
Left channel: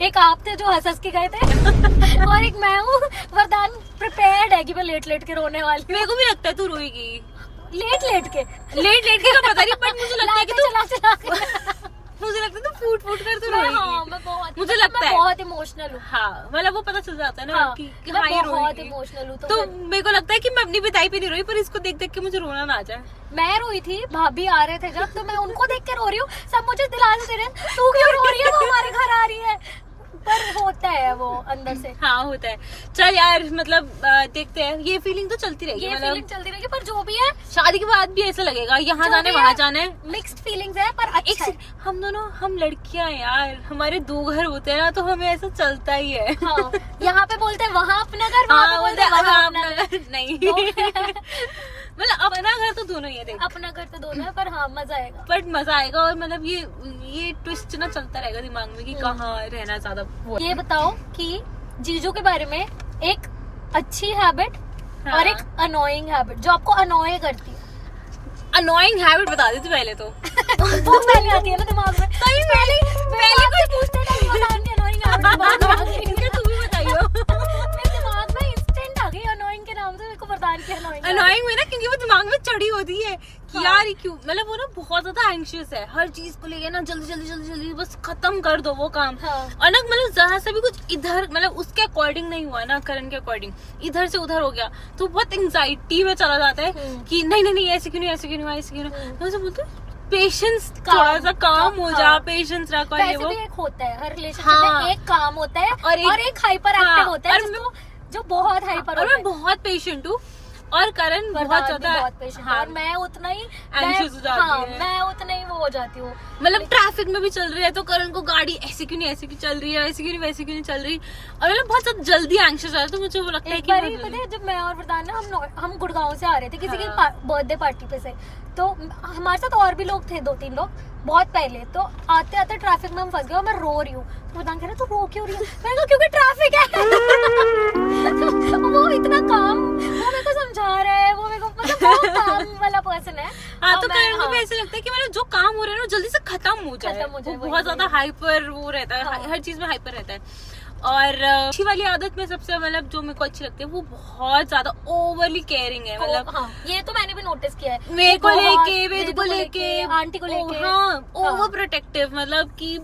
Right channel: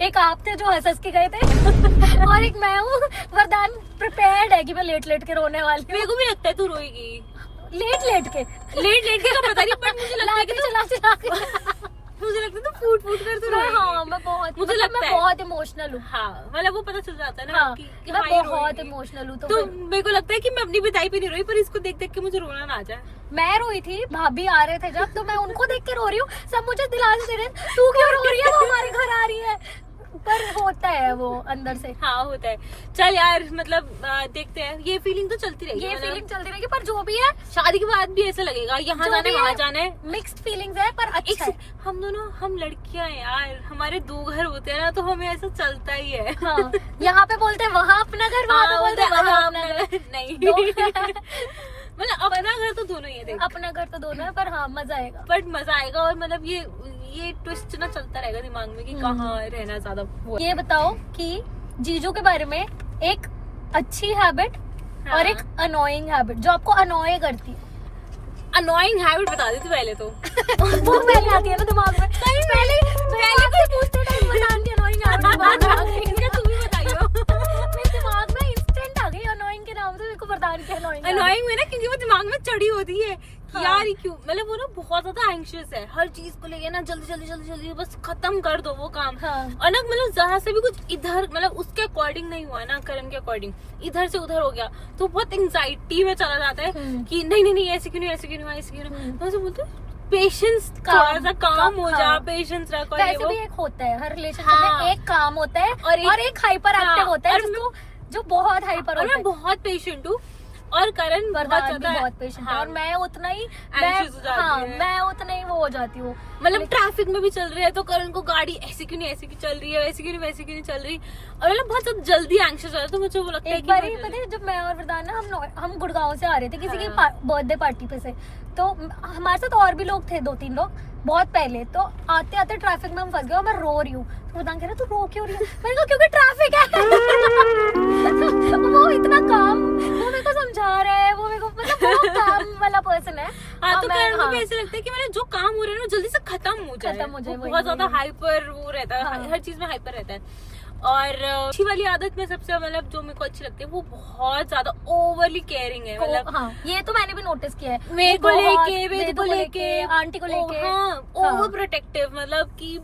एक आप थे जो हंस के गए थे, और एक मैं हूँ, वरदान प्रिपेयर्ड है कि मैं लेट के रोने वाली। मेरे को भी लगता है तू रोएगी लेट के का पता नहीं, बट मुझे लगता है कि चला मुझे लगता है तो फूट कर तू रोएगी। हाँ, मैं बहुत, मुझे लगता है बहुत इमोशनल हूँ। हाँ, मतलब वो पता चल जाता है ना कि हाँ ये बहुत इमोशनल हूँ। तो मेरे को लगता है कि मैं अपनी बिताई पे नहीं रोई, पर इसको देख के मुझे रोना ना आ जाए। मैं रोई थी, भाभी आ रहे थे जब, तो मैं उनको देख के रो रही हूँ, सब मुझे दिलाने दे रहे हैं तू क्यों रो रही है, वो हमारे घर आ रही है, पर होता है वो अंदर से। हाँ होता है। चल यार, मतलब देखते हैं, ये फीलिंग तो चलती रहेगी, ये फीलिंग चलती रहेगी, पर जो भी है शादी के बाद भी ऐसा लगेगा, यहाँ जाने वहाँ जाने, मिक्स्ड फीलिंग्स है, पर अच्छा है। हम दोनों, हम लड़कियां यार, हमारे 2 घर होते हैं ना, तो हमें ऐसा चलता ही है। हाँ, यहाँ पे बोलते हैं वहाँ अपना घर, वहाँ बोलते हैं वहाँ अपना घर। नहीं मतलब अपना घर तो दोनों ही है, देख अपना घर तो दोनों है, पर हाँ मजा आएगा, बट मजा आएगा। और मतलब ये ट्विस्ट ना चलता रहेगा दिमाग में कि कहाँ रहना ज्यादा। ये बताओ कि जीजू के बारे में एक अच्छी हैबिट और एक अनोइंग हैबिट जो आपको अनोय करती है। अनोइंग हैबिट बता दी तू पहले तो। वो पहले आती है ना दिमाग में, पहले कोई पूछते टाइम बताने की अनोइंग हैबिट तू भी बताइयो। मेरे दिमाग में इंस्टेंट आ गई अनोइंग के नाम से, मेरे को बरदान की अनोइंग में ना, क्योंकि वो दिमाग में चढ़ी होती है कि यार ये क्यों, मतलब वो ना बहुत ज्यादा एंग्शियस है हर चीज को लेके ना, जल्दी बस खत्म कर दो वो काम। और ना मतलब जरा से भी कुछ इधर, मतलब उसके अकॉर्डिंग नहीं हुआ ना, करण के अकॉर्डिंग इधर से उधर हो गया, तो बहुत एंग्जाइटी में चला जाता है कि नहीं ऐसे क्यों नहीं, तो बोलते पेशेंस, थोड़ा सा काम हो जा, पेशेंस रखो। ये वो एक होता है हर रिलेशनशिप में, एक काम होता है और एक हाइपर एक्टिव होता है, जो बहुत हाइपर। और मैं बहुत पेशेंट हूँ, और करण बहुत ज्यादा पेशेंट है, और मैं उतना ही एंग्शियस हो जाती है। मैं उतना ही वो हो जाती हूँ। मतलब ट्रैफिक में भी चल रही है तो करण को गाड़ी ऐसे क्यों नहीं चल रही है, वैसे क्यों नहीं चल रही, और मतलब बहुत ज्यादा जल्दी एंग्शियस हो जाता है। तो मुझे वो लगता है कि पता है जब मैं और वरदान ना हम गुड़गांव से आ रहे थे किसी की बर्थडे पार्टी पे से, तो हमारे साथ और भी लोग थे, 2-3 लोग बहुत पहले। तो आते आते ट्रैफिक में हम फंस गए और मैं रो रही हूँ। तो वरदान कह रहा तू रो क्यों रही? मैंने कहा क्योंकि ट्रैफिक है। वो इतना काम, वो मेरे को समझा रहा है, वो मेरे को मतलब बहुत काम वाला पर्सन है। हाँ, तो करण को भी ऐसे लगता है कि मतलब जो काम हो रहा है ना जल्दी से खत्म हो जाए। बहुत ज्यादा हाइपर वो रहता है, हर चीज में हाइपर रहता है। और अच्छी वाली आदत में सबसे मतलब जो मेरे को अच्छी लगती है, वो बहुत ज्यादा ओवरली केयरिंग है। मतलब हाँ, ये तो मैंने भी नोटिस किया है, मेरे को लेके, वेद को लेके, आंटी को लेके, हाँ ओवर प्रोटेक्टिव, मतलब कि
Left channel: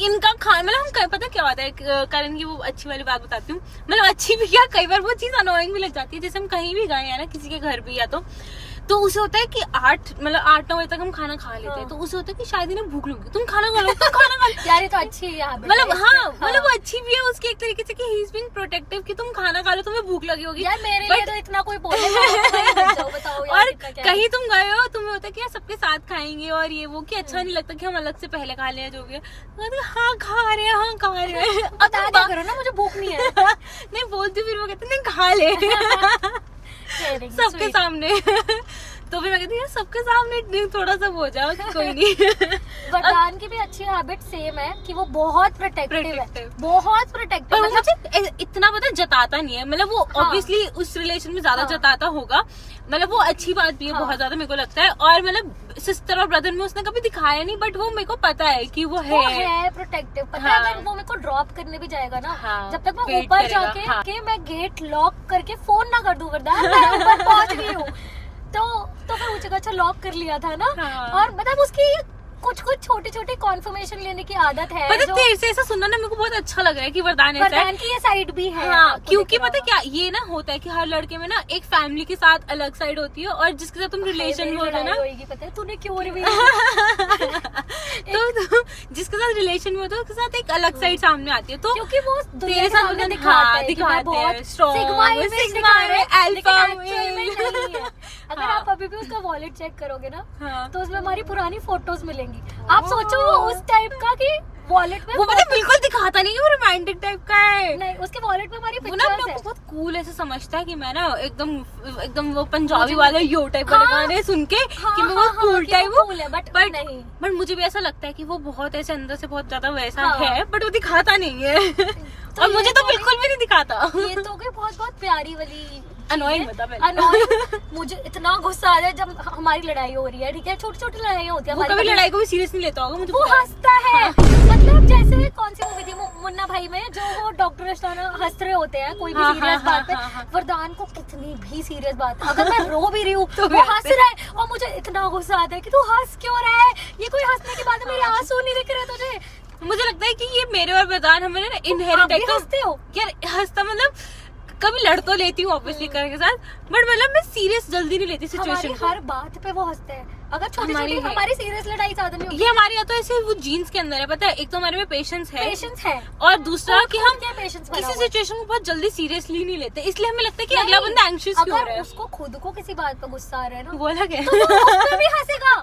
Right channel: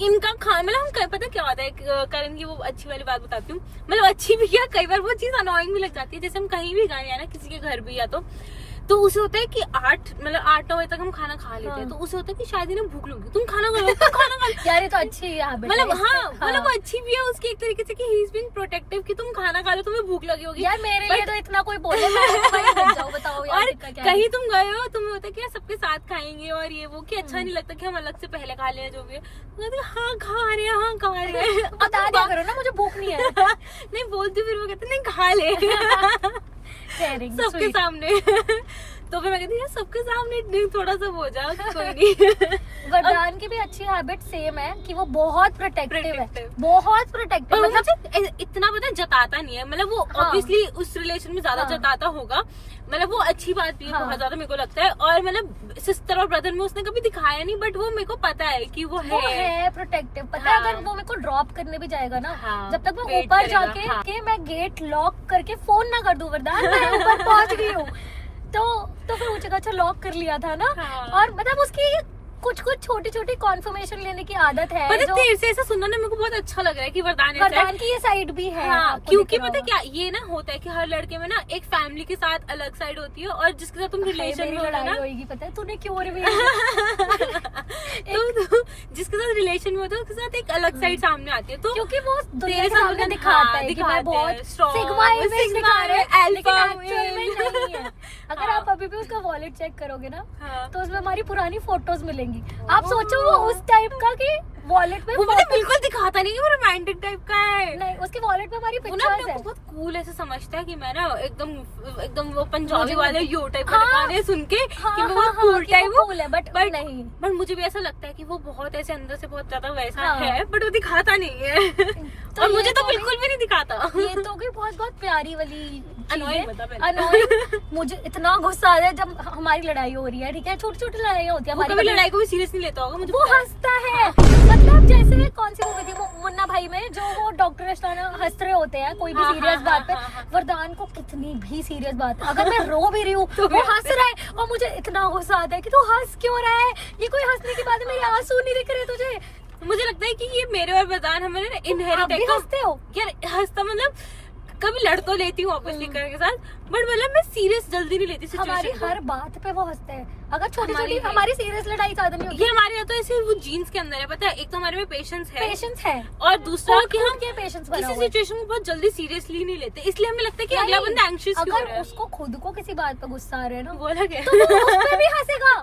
इनका खाना, मतलब हम पता क्या होता है, करण की वो अच्छी वाली बात बताती हूँ, मतलब अच्छी भी क्या, कई बार वो चीज अनोइंग भी लग जाती है। जैसे हम कहीं भी गए हैं ना, किसी के घर भी, या तो उसे होता है कि 8-9 बजे तक हम खाना खा लेते हैं, तो उसे होता है कि शायद इन्हें भूख लगी, तुम खाना खा लो, तुम खाना खा लो। यार ये तो अच्छी है, मतलब हाँ, मतलब वो अच्छी भी है उसकी एक तरीके से कि ही इज बीइंग प्रोटेक्टिव, कि तुम खाना खा लो, तुम्हें भूख लगी होगी। यार मेरे लिए तो इतना कोई बोलेगा, बताओ यार। और कहीं तुम गए हो, तुम्हें होता है कि यार सबके साथ खाएंगे और ये वो, कि अच्छा नहीं लगता कि हम अलग से पहले खा लें जो भी है। हाँ खा रहे हैं बता करो ना मुझे भूख नहीं है। नहीं बोलती, फिर वो कहते नहीं खा ले सबके सामने। तो फिर मैं कहती हूँ सबके सामने थोड़ा सा हो जाओ, कोई नहीं। वरदान की भी अच्छी हैबिट सेम है कि वो बहुत प्रोटेक्टिव है, बहुत प्रोटेक्टिव। पर वो मुझे इतना पता जताता नहीं है, मतलब वो ऑब्वियसली उस रिलेशन में ज्यादा जताता होगा, मतलब वो अच्छी बात भी है बहुत ज्यादा मेरे को लगता है। और मतलब सिस्टर और ब्रदर में उसने कभी दिखाया नहीं, बट वो मेरे को पता है कि वो है प्रोटेक्टिव। पता है अगर वो मेरे को ड्रॉप करने भी जाएगा ना, जब तक वो ऊपर जाके कि मैं गेट लॉक करके फोन ना कर दूं वरदान मैं ऊपर पहुंच गई हूँ, तो फिर मुझे अच्छा लॉक कर लिया था ना। और मतलब उसकी कुछ छोटी छोटी कॉन्फर्मेशन लेने की आदत है। पता तेरे से ऐसा सुनना ना मेरे को बहुत अच्छा लग रहा है कि वरदान ऐसा है। की ये साइड भी है। हाँ, क्योंकि पता क्या ये ना होता है कि हर लड़के में ना एक फैमिली के साथ अलग साइड होती है, और जिसके साथ तुम रिलेशन में होता है ना, पता है तूने क्यों तो जिसके साथ रिलेशन में होता है उसके साथ एक अलग साइड सामने आती है। तो क्योंकि वो तेरे साथ दिखाते हैं स्ट्रॉन्ग। अगर आप अभी भी उसका वॉलेट चेक करोगे ना तो उसमें हमारी पुरानी फोटोज मिलेंगी। आप सोचो वो उस टाइप का कि वॉलेट में वो मतलब बिल्कुल दिखाता नहीं है, वो रोमांटिक टाइप का है। नहीं, उसके वॉलेट में हमारी वो ना पिक्चर्स है। बहुत कूल ऐसे समझता है कि मैं ना एकदम वो पंजाबी वाले यो टाइप का गाने सुन के कि मैं बहुत कूल टाइप हूँ, बट नहीं, बट मुझे भी ऐसा लगता है कि वो बहुत ऐसे अंदर से बहुत ज्यादा वैसा है, बट वो दिखाता नहीं है। और मुझे तो बिल्कुल भी नहीं दिखाता। ये तो बहुत प्यारी वाली अनोइंग बता पहले। अनोइंग मुझे इतना गुस्सा आ रहा है जब हमारी लड़ाई हो रही है, ठीक है, छोटी छोटी लड़ाइयाँ होती है। वो कभी लड़ाई को भी सीरियस नहीं लेता होगा, मुझे वो हंसता है। मतलब जैसे कौन सी मूवी थी मुन्ना भाई में, जो वो डॉक्टर अष्टाना हंस रहे होते हैं कोई भी सीरियस बात पे, वरदान को कितनी भी सीरियस बात है अगर मैं रो भी रही हूँ तो वो हंस रहा है, और मुझे इतना गुस्सा आता है कि तू हंस क्यों रहा है, ये कोई हंसने की बात है, मेरे आंसू नहीं दिख रहे तुझे। मुझे लगता है कि ये मेरे और वरदान हमें ना इनहेरिट है। हंसते हो यार हंसता मतलब कभी लड़ तो लेती हूँ ऑब्वियसली के साथ, बट मतलब मैं सीरियस जल्दी नहीं लेती सिचुएशन को। हर बात पे वो हंसते हैं। अगर छोटी छोटी हमारी सीरियस लड़ाई ज्यादा नहीं होती। ये हमारे यहाँ तो ऐसे वो जीन्स के अंदर है, पता है, एक तो हमारे में पेशेंस है और दूसरा कि हम किसी सिचुएशन को बहुत जल्दी सीरियसली नहीं लेते, इसलिए हमें लगता है कि अगला बंदा एंग्शियस क्यों हो रहा है। उसको खुद को किसी बात पे गुस्सा आ रहा है ना, बोला क्या तो वो उस पे भी हंसेगा।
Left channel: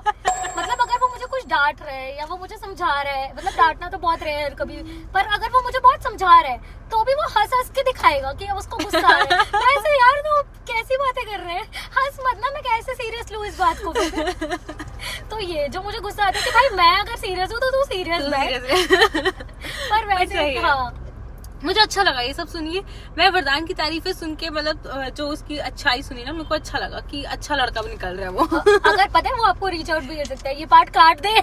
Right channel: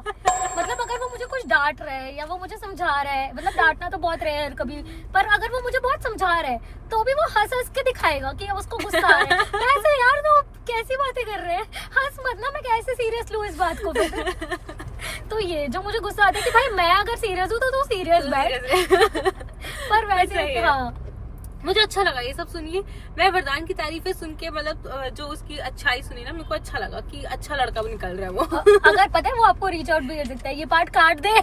मतलब अगर वो मुझे कुछ डांट रहा है या वो मुझे समझा रहा है, मतलब डांटना तो बहुत रेयर कभी, पर अगर वो मुझे बहुत समझा रहा है तो भी वो हंस के दिखाएगा कि उसको गुस्सा आ रहा है। ऐसे यार तो कैसी बातें कर रहे हैं, हंस मत ना, मैं कैसे सीरियस लूं इस बात को। तो ये जो मुझे गुस्सा आता है कि भाई मैं अगर सीरियस हूँ तो तू सीरियस बैठ। पर वैसे हाँ मुझे अच्छा लगा ये सब सुनिए। मैं वरदान की तारीफें सुन के मतलब जो उसकी अच्छाई सुनी ना, मेरे को अच्छा लगा कि अच्छा लड़का भी निकल रहा है वो। अगर पता है वो आपको रीच आउट भी कर सकता है, ये पार्ट काट दे।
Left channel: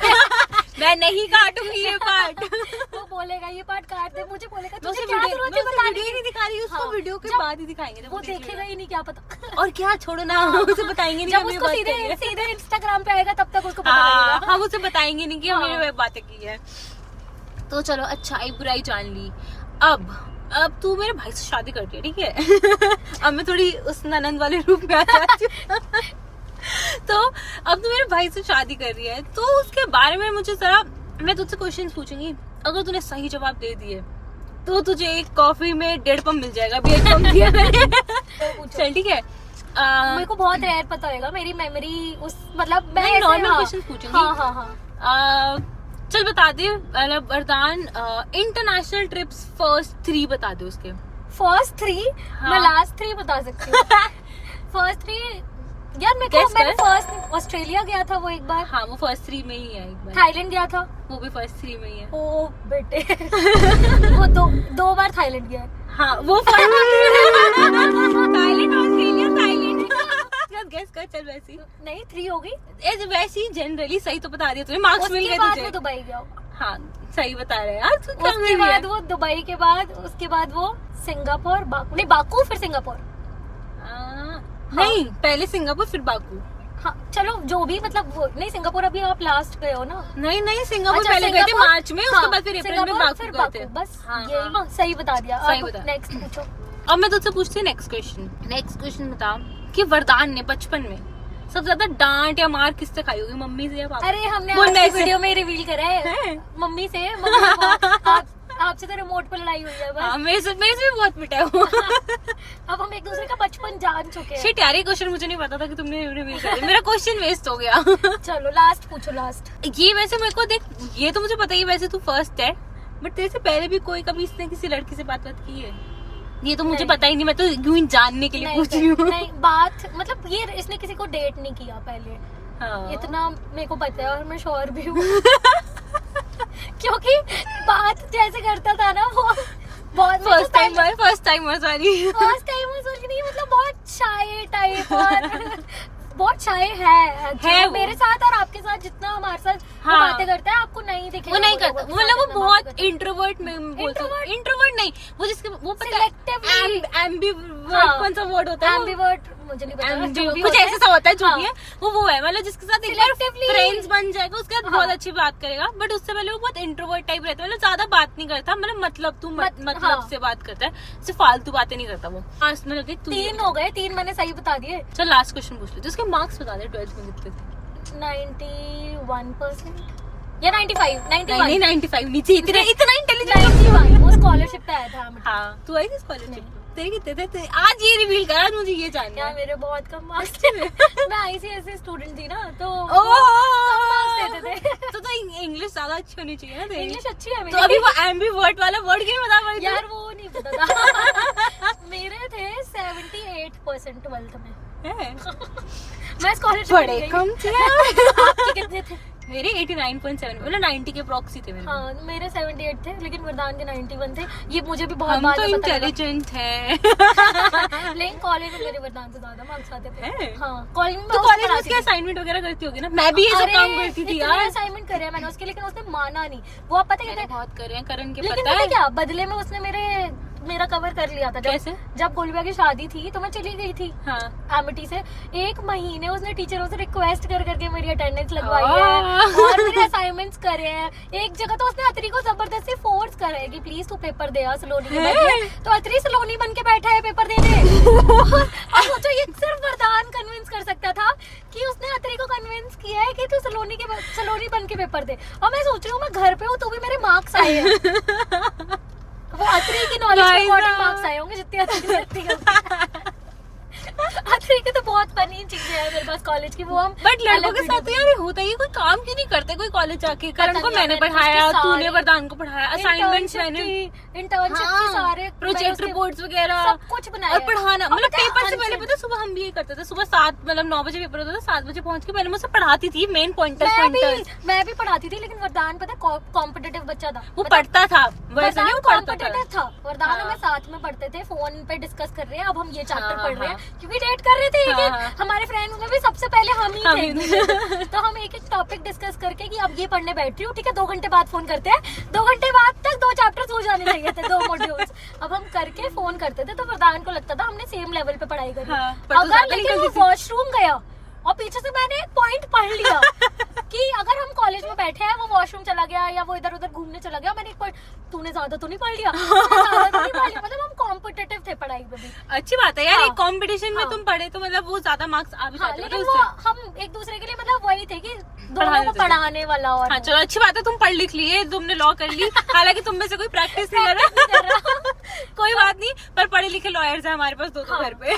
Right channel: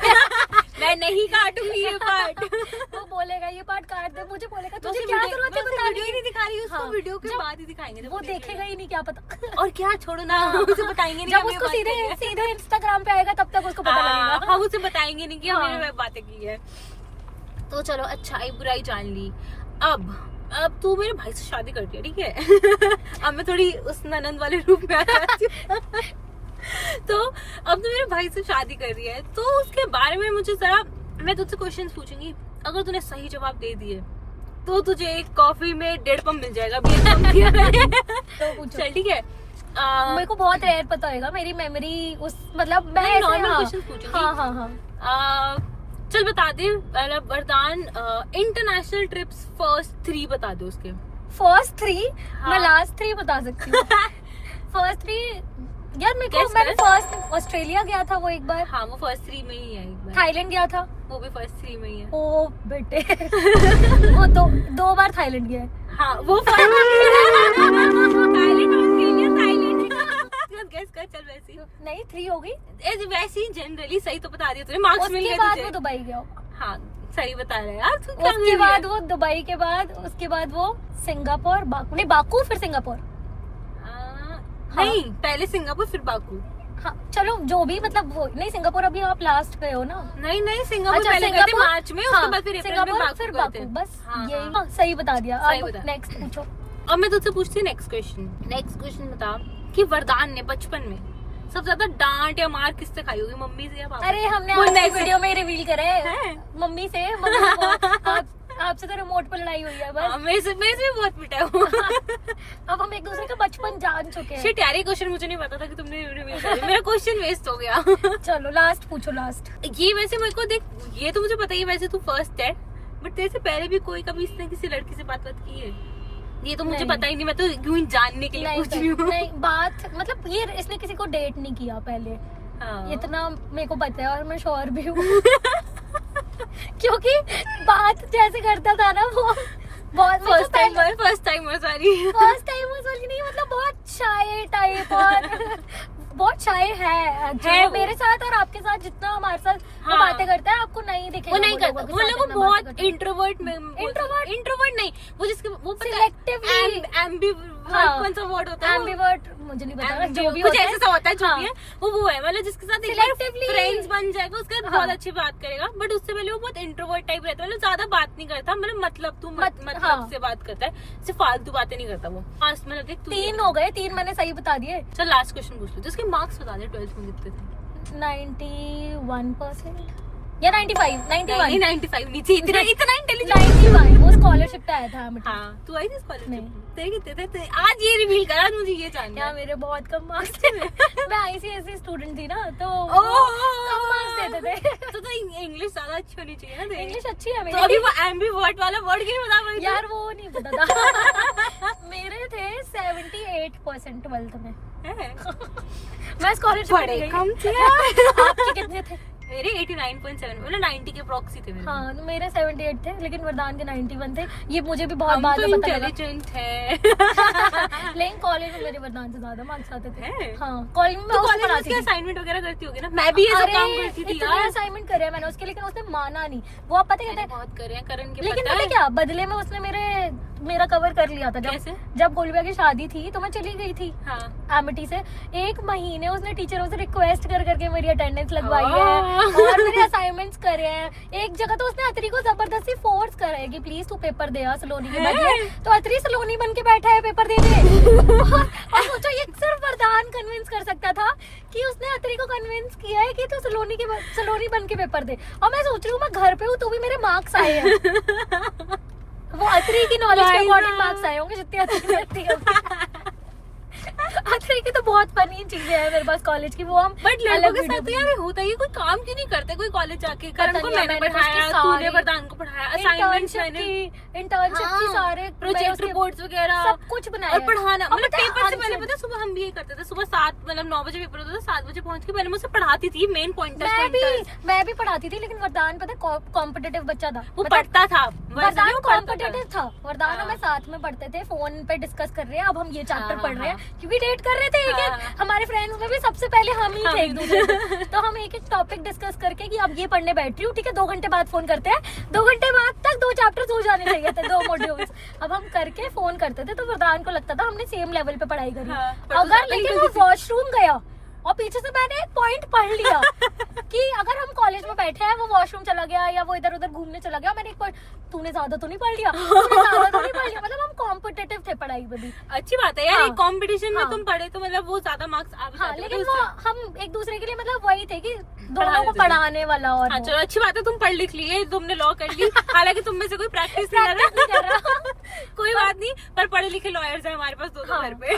मैं नहीं काटूंगी ये पार्ट। वो बोलेगा ये पार्ट काट दे, मुझे बोलेगा तुझे क्या जरूरत है बताने की, नहीं दिखा रही उसको, वीडियो के बाद ही दिखाएंगे, वो देखेगा ही नहीं, क्या पता। और क्या छोड़ो ना, उसे बताएंगे नहीं, जब उसको सीधे इंस्टाग्राम पे आएगा तब तक उसको पता लगेगा। हम उसे बताएंगे नहीं कि हमने बातें की है। तो चलो अच्छाई बुराई जान ली। अब तू मेरे भाई से शादी कर दी, ठीक है। अब मैं थोड़ी उस ननंद वाले रूप में आ जाती हूँ। तो अब तू मेरे भाई से शादी कर रही है, तो उसके बारे में मुझे जरा मैं तुझसे क्वेश्चंस पूछूंगी। अगर तूने सही जवाब दे दिए तो तुझे एक कॉफी में 1.5 पंप मिल जाएगा। अभी 1 पंप दिया मैंने। चल ठीक है। मेरे को बहुत रेयर पता होगा, मेरी मेमोरी उस मतलब मैं नॉर्मल क्वेश्चन पूछूंगी। हाँ। चल बता दे मतलब वरदान इंटरनेशनल ट्रिप्स फर्स्ट 3 बता दे उसके। फर्स्ट 3 मैं लास्ट 3 बता सकती हूँ। फर्स्ट 3 यार मेरे को, मैंने फर्स्ट ऑस्ट्रेलिया गया था वो एक बार। हाँ वो फर्स्ट 3 में ही है। एक बार थाईलैंड गया था, वो भी फर्स्ट 3 में ही है। ओ बेटे। वो दो बार थाईलैंड गया है। हाँ वो थाईलैंड ऑस्ट्रेलिया थाईलैंड। गेस कर चल वैसी नहीं 3 हो गई वैसे ही जनरली सही तो बता दिया तूने, मार्क्स मिल गए तुझे। दुबई गया। हाँ सही बता रहे यार। उसके बाद वो दुबई के बाद उसके बाद वो सिंगापुर नहीं बाकू फिर सिंगापुर। नहीं पहले सिंगापुर फिर बाकू। हाँ चलो जो भी मतलब वो नहीं, सिंगापुर अभी आप लास्ट गए हो ना। नहीं सिंगापुर पहले गए थे मार्च में, उसके बाद फिर अप्रैल में बाकू गए थे। बस यही सही बता दिया। सही बता। नेक्स्ट पूछो। अब मैं तुझसे पूछती हूँ नेक्स्ट क्वेश्चन बता कि वरदान ने बचपन में सबसे ज्यादा डांट या मार किससे खाई होगी, मम्मी से या पापा? अरे हमने वीडियो में रिवील करा है मम्मी से। आपसे तो रिमोट पे लड़ाई हुई है बस। मेरे से भी बहुत पिटा है वो। अब हम एक दूसरे का बचपन जान चुके हैं। शिट यार ये क्वेश्चन मुझे नहीं पता था कि तुमने रिवील कर दिया। मेरा क्वेश्चन वेस्ट हो गया। चलो लास्ट पूछो। लास्ट ये वैसे मेरे को देख, ये तो मुझे पता ही वैसे तू फर्स्ट है, बट तेरे से पहले भी कोई कभी इसने किसी लड़की से बात की है? ये तो मुझे नहीं। पता ही नहीं, मैं तो यूं ही जानने के लिए नहीं पूछ रही हूँ। नहीं, बात मतलब ये इसने किसी को डेट नहीं किया पहले, हाँ। इतना मेरे को पता है और मैं श्योर भी हूँ। क्योंकि बात जैसे करता था ना वो बहुत first time sorry. First time वो सोच नहीं, मतलब बहुत शाय टाइप बहुत शाय है वो। मेरे साथ और आपके साथ जितना हमारे साथ वो हाँ। बातें करता है आपको नहीं दिखेगा। वो नहीं करता, लोगों के मतलब साथ वो जितना बातें बहुत करता है। इंट्रोवर्ट में इंट्रोवर्ट नहीं, वो जिसके वो पता है Selectively। एम्बीवर्ट हाँ। कौन सा वर्ड होता है? Ambivert, मुझे नहीं पता जो जो भी कुछ होता है। ऐसा होता है, जो हाँ। भी है वो है, मतलब जिसके साथ एक बार Selectively। फ्रेंड्स बन जाएगा उसके बाद हाँ। बहुत अच्छी बात करेगा, बट उससे पहले वो बहुत इंट्रोवर्ट टाइप रहता है, मतलब ज्यादा बात नहीं करता, मतलब तू मतलब हाँ। से बात करता है, सिर्फ फालतू बातें नहीं करता वो। लास्ट में देख तू 3 हो गए, 3 मैंने सही बता दिए। चल लास्ट क्वेश्चन पूछ ले, तो उसके मार्क्स बता दे 12th में कितने थे? 91% या 95 नहीं 91 95 नहीं थी, इतना इंटेलिजेंट। 91 वो स्कॉलरशिप पे आया था हमें। हाँ तू आई थी स्कॉलरशिप नहीं। तेरे कितने थे? आज ये रिवील करा, मुझे ये जानना क्या है। मेरे बहुत कम मार्क्स थे। मैं आईसीएसई स्टूडेंट थी ना, तो ओह, marks देते थे। तो इंग्लिश ज्यादा अच्छी होनी चाहिए ना तेरी। इंग्लिश अच्छी है तो मेरी। अभी वो एम्बीवर्ट वाला वर्ड क्यों नहीं बता पाई? यार वो नहीं पता था। मेरे थे 78% 12th में। मैं स्कॉलरशिप बड़े कम थे यार। आपके कितने थे? मेरे 89.7, मतलब 90 के प्रॉक्सी थे मेरे। हाँ मेरे 78 थे, लेकिन वरदान के 91 थे। ये मुझे भी बहुत हम बाद तो में पता लगा। इंटेलिजेंट है। लेकिन कॉलेज में मेरे वरदान से ज्यादा मार्क्स आते थे। है? हाँ कॉलेज में तो कॉलेज में उसके असाइनमेंट वगैरह करती होगी ना? मैं भी ये सब काम करती थी यार। असाइनमेंट करे मैंने उसके, लेकिन उसने माना नहीं। वो आप पता मैंने है बहुत करे हैं, करण के लेकिन पता पता है क्या, बदले में उसने मेरा कवर कर लिया था। कैसे? जब गोलबिया की शादी थी तो मैं चली गई थी हाँ। एमिटी से। 1 महीने उसने टीचरों से रिक्वेस्ट कर करके मेरी अटेंडेंस लगवाई है ओह। और मेरे असाइनमेंट्स करे हैं। एक जगह तो उसने अतरी को जबरदस्ती फोर्स करे कि प्लीज तू पेपर दे आ सलोनी के बदले। तो अतरी सलोनी बन के बैठा है पेपर दे दे। और सोचो ये सिर्फ वरदान कन्विंस कर सकता था कि उसने अतरी को कन्विंस किया है कि तू सलोनी बन के पेपर दे। और मैं सोच रही हूँ मैं घर पे हूँ तो भी मेरे मार्क्स आए हैं। वो अतरी की नॉलेज के अकॉर्डिंग मार्क्स आए होंगे जितनी अतरी करती है। अतरी के तो बहुत फनी चीजें हैं मेरे पास कॉलेज की, वो हम बट लड़कों अलग के साथ तो वीडियो यार होता ही है, कोई काम क्यों नहीं करते कोई कॉलेज जाके? करण को नहीं, मैंने मैंने पढ़ाया, उसके तूने सारे- वरदान को पढ़ाया, असाइनमेंट्स मैंने, इंटर्नशिप के सारे प्रोजेक्ट मैंने रिपोर्ट्स वगैरह सब कुछ बनाया और है। पढ़ाना, और मतलब पता है, पेपर से पहले unsent- पता है सुबह हम भी यही करते थे, सुबह 7 मतलब 9 बजे पेपर होता था, 7 बजे पहुंच के पहले मैं उसे पढ़ाती थी मेन पॉइंटर्स। मैं भी पढ़ाती थी, लेकिन वरदान पता है कॉम्पिटिटिव बच्चा था। वो मतलब पढ़ता था, वैसे नहीं वो पढ़ता था। कॉम्पिटिटिव था। वरदान हाँ। और मैं साथ में पढ़ते थे, फोन पे डिस्कस कर रहे हैं, अब हम ये चैप्टर हाँ, पढ़ रहे हाँ। हैं, क्योंकि डेट कर रहे थे एक हाँ, एक। हाँ। हमारे फ्रेंड्स में भी सबसे पहले हम ही हम थे ही एक दूसरे को। तो हम एक एक टॉपिक डिस्कस करके कि अब ये पढ़ने बैठ रही हूँ, ठीक है 2 घंटे बाद फोन करते हैं। 2 घंटे बाद तक 2 चैप्टर्स हो जाने चाहिए थे, 2 मॉड्यूल्स। अब हम करके फोन करते थे, तो वरदान को लगता था हमने सेम लेवल पे पढ़ाई करी। हाँ, पर तू अगर ज्यादा लेकिन वो निकलती थी। वॉशरूम गया और पीछे से मैंने एक पॉइंट पढ़ लिया कि अगर हम कॉलेज में बैठे हैं, वो वॉशरूम चला गया या वो इधर उधर घूमने चला गया, मैंने एक पॉइंट, तूने ज्यादा तो नहीं पढ़ लिया, मतलब हम कॉम्पिटिटिव थे पढ़ाई पे भी। अच्छी बात है यार, हाँ। एक कंपटीशन में हाँ। तुम पढ़े तो मतलब वो ज्यादा मार्क्स आ भी हाँ, जाते लेकिन हैं वो उससे। हम एक दूसरे के लिए मतलब वही थे कि दोनों पढ़ाने को थे। पढ़ाने वाला। और हाँ वो। चलो अच्छी बात है, तुम पढ़ लिख लिए, तुमने लॉ कर ली, हालांकि तुम में से कोई प्रैक्टिस नहीं कर रहा। कोई बात नहीं, पर पढ़े लिखे लॉयर्स हैं हमारे पास दोनों हाँ। घर पे।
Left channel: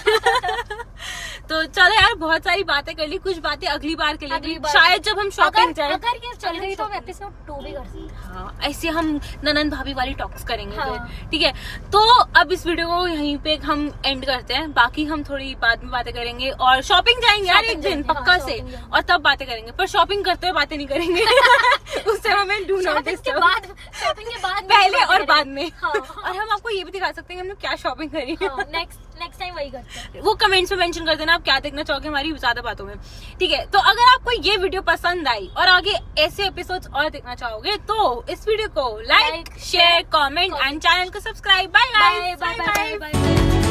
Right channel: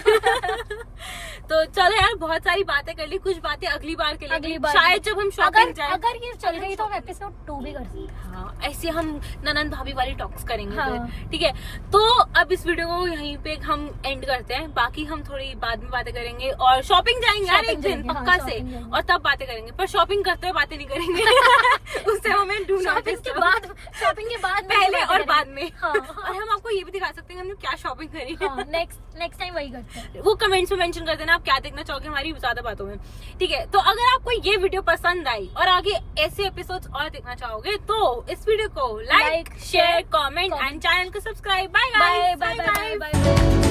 तो चलो यार बहुत सारी बातें कर ली, कुछ बातें अगली बार के अगली लिए बार शायद जब हम शॉपिंग जाए। अगर ये चल रही तो हम एपिसोड 2 भी कर सकते हैं। हाँ, ऐसे हम ननन भाभी वाली टॉक्स करेंगे हाँ। फिर, ठीक है? तो अब इस वीडियो को यहीं पे हम एंड करते हैं, बाकी हम थोड़ी बाद में बातें करेंगे और शॉपिंग जाएंगे यार एक शॉपिंग दिन जाएंगे, पक्का हाँ, से, शॉपिंग जाएंगे। और तब बातें करेंगे, पर शॉपिंग करते हुए बातें नहीं करेंगे। उससे हमें डू नॉट शॉपिंग के बाद पहले और बाद में। हाँ। और हम आपको ये भी दिखा सकते हैं कि हमने क्या शॉपिंग करी। नेक्स्ट टाइम वही करते हैं। वो कमेंट्स में मेंशन कर देना आप क्या देखना चाहोगे हमारी ज्यादा बातों में, ठीक है? तो अगर आपको ये वीडियो पसंद आई और आगे ऐसे एपिसोड्स और देखना चाहोगे तो इस वीडियो को like, share, comment and channel को subscribe. Bye bye bye bye bye.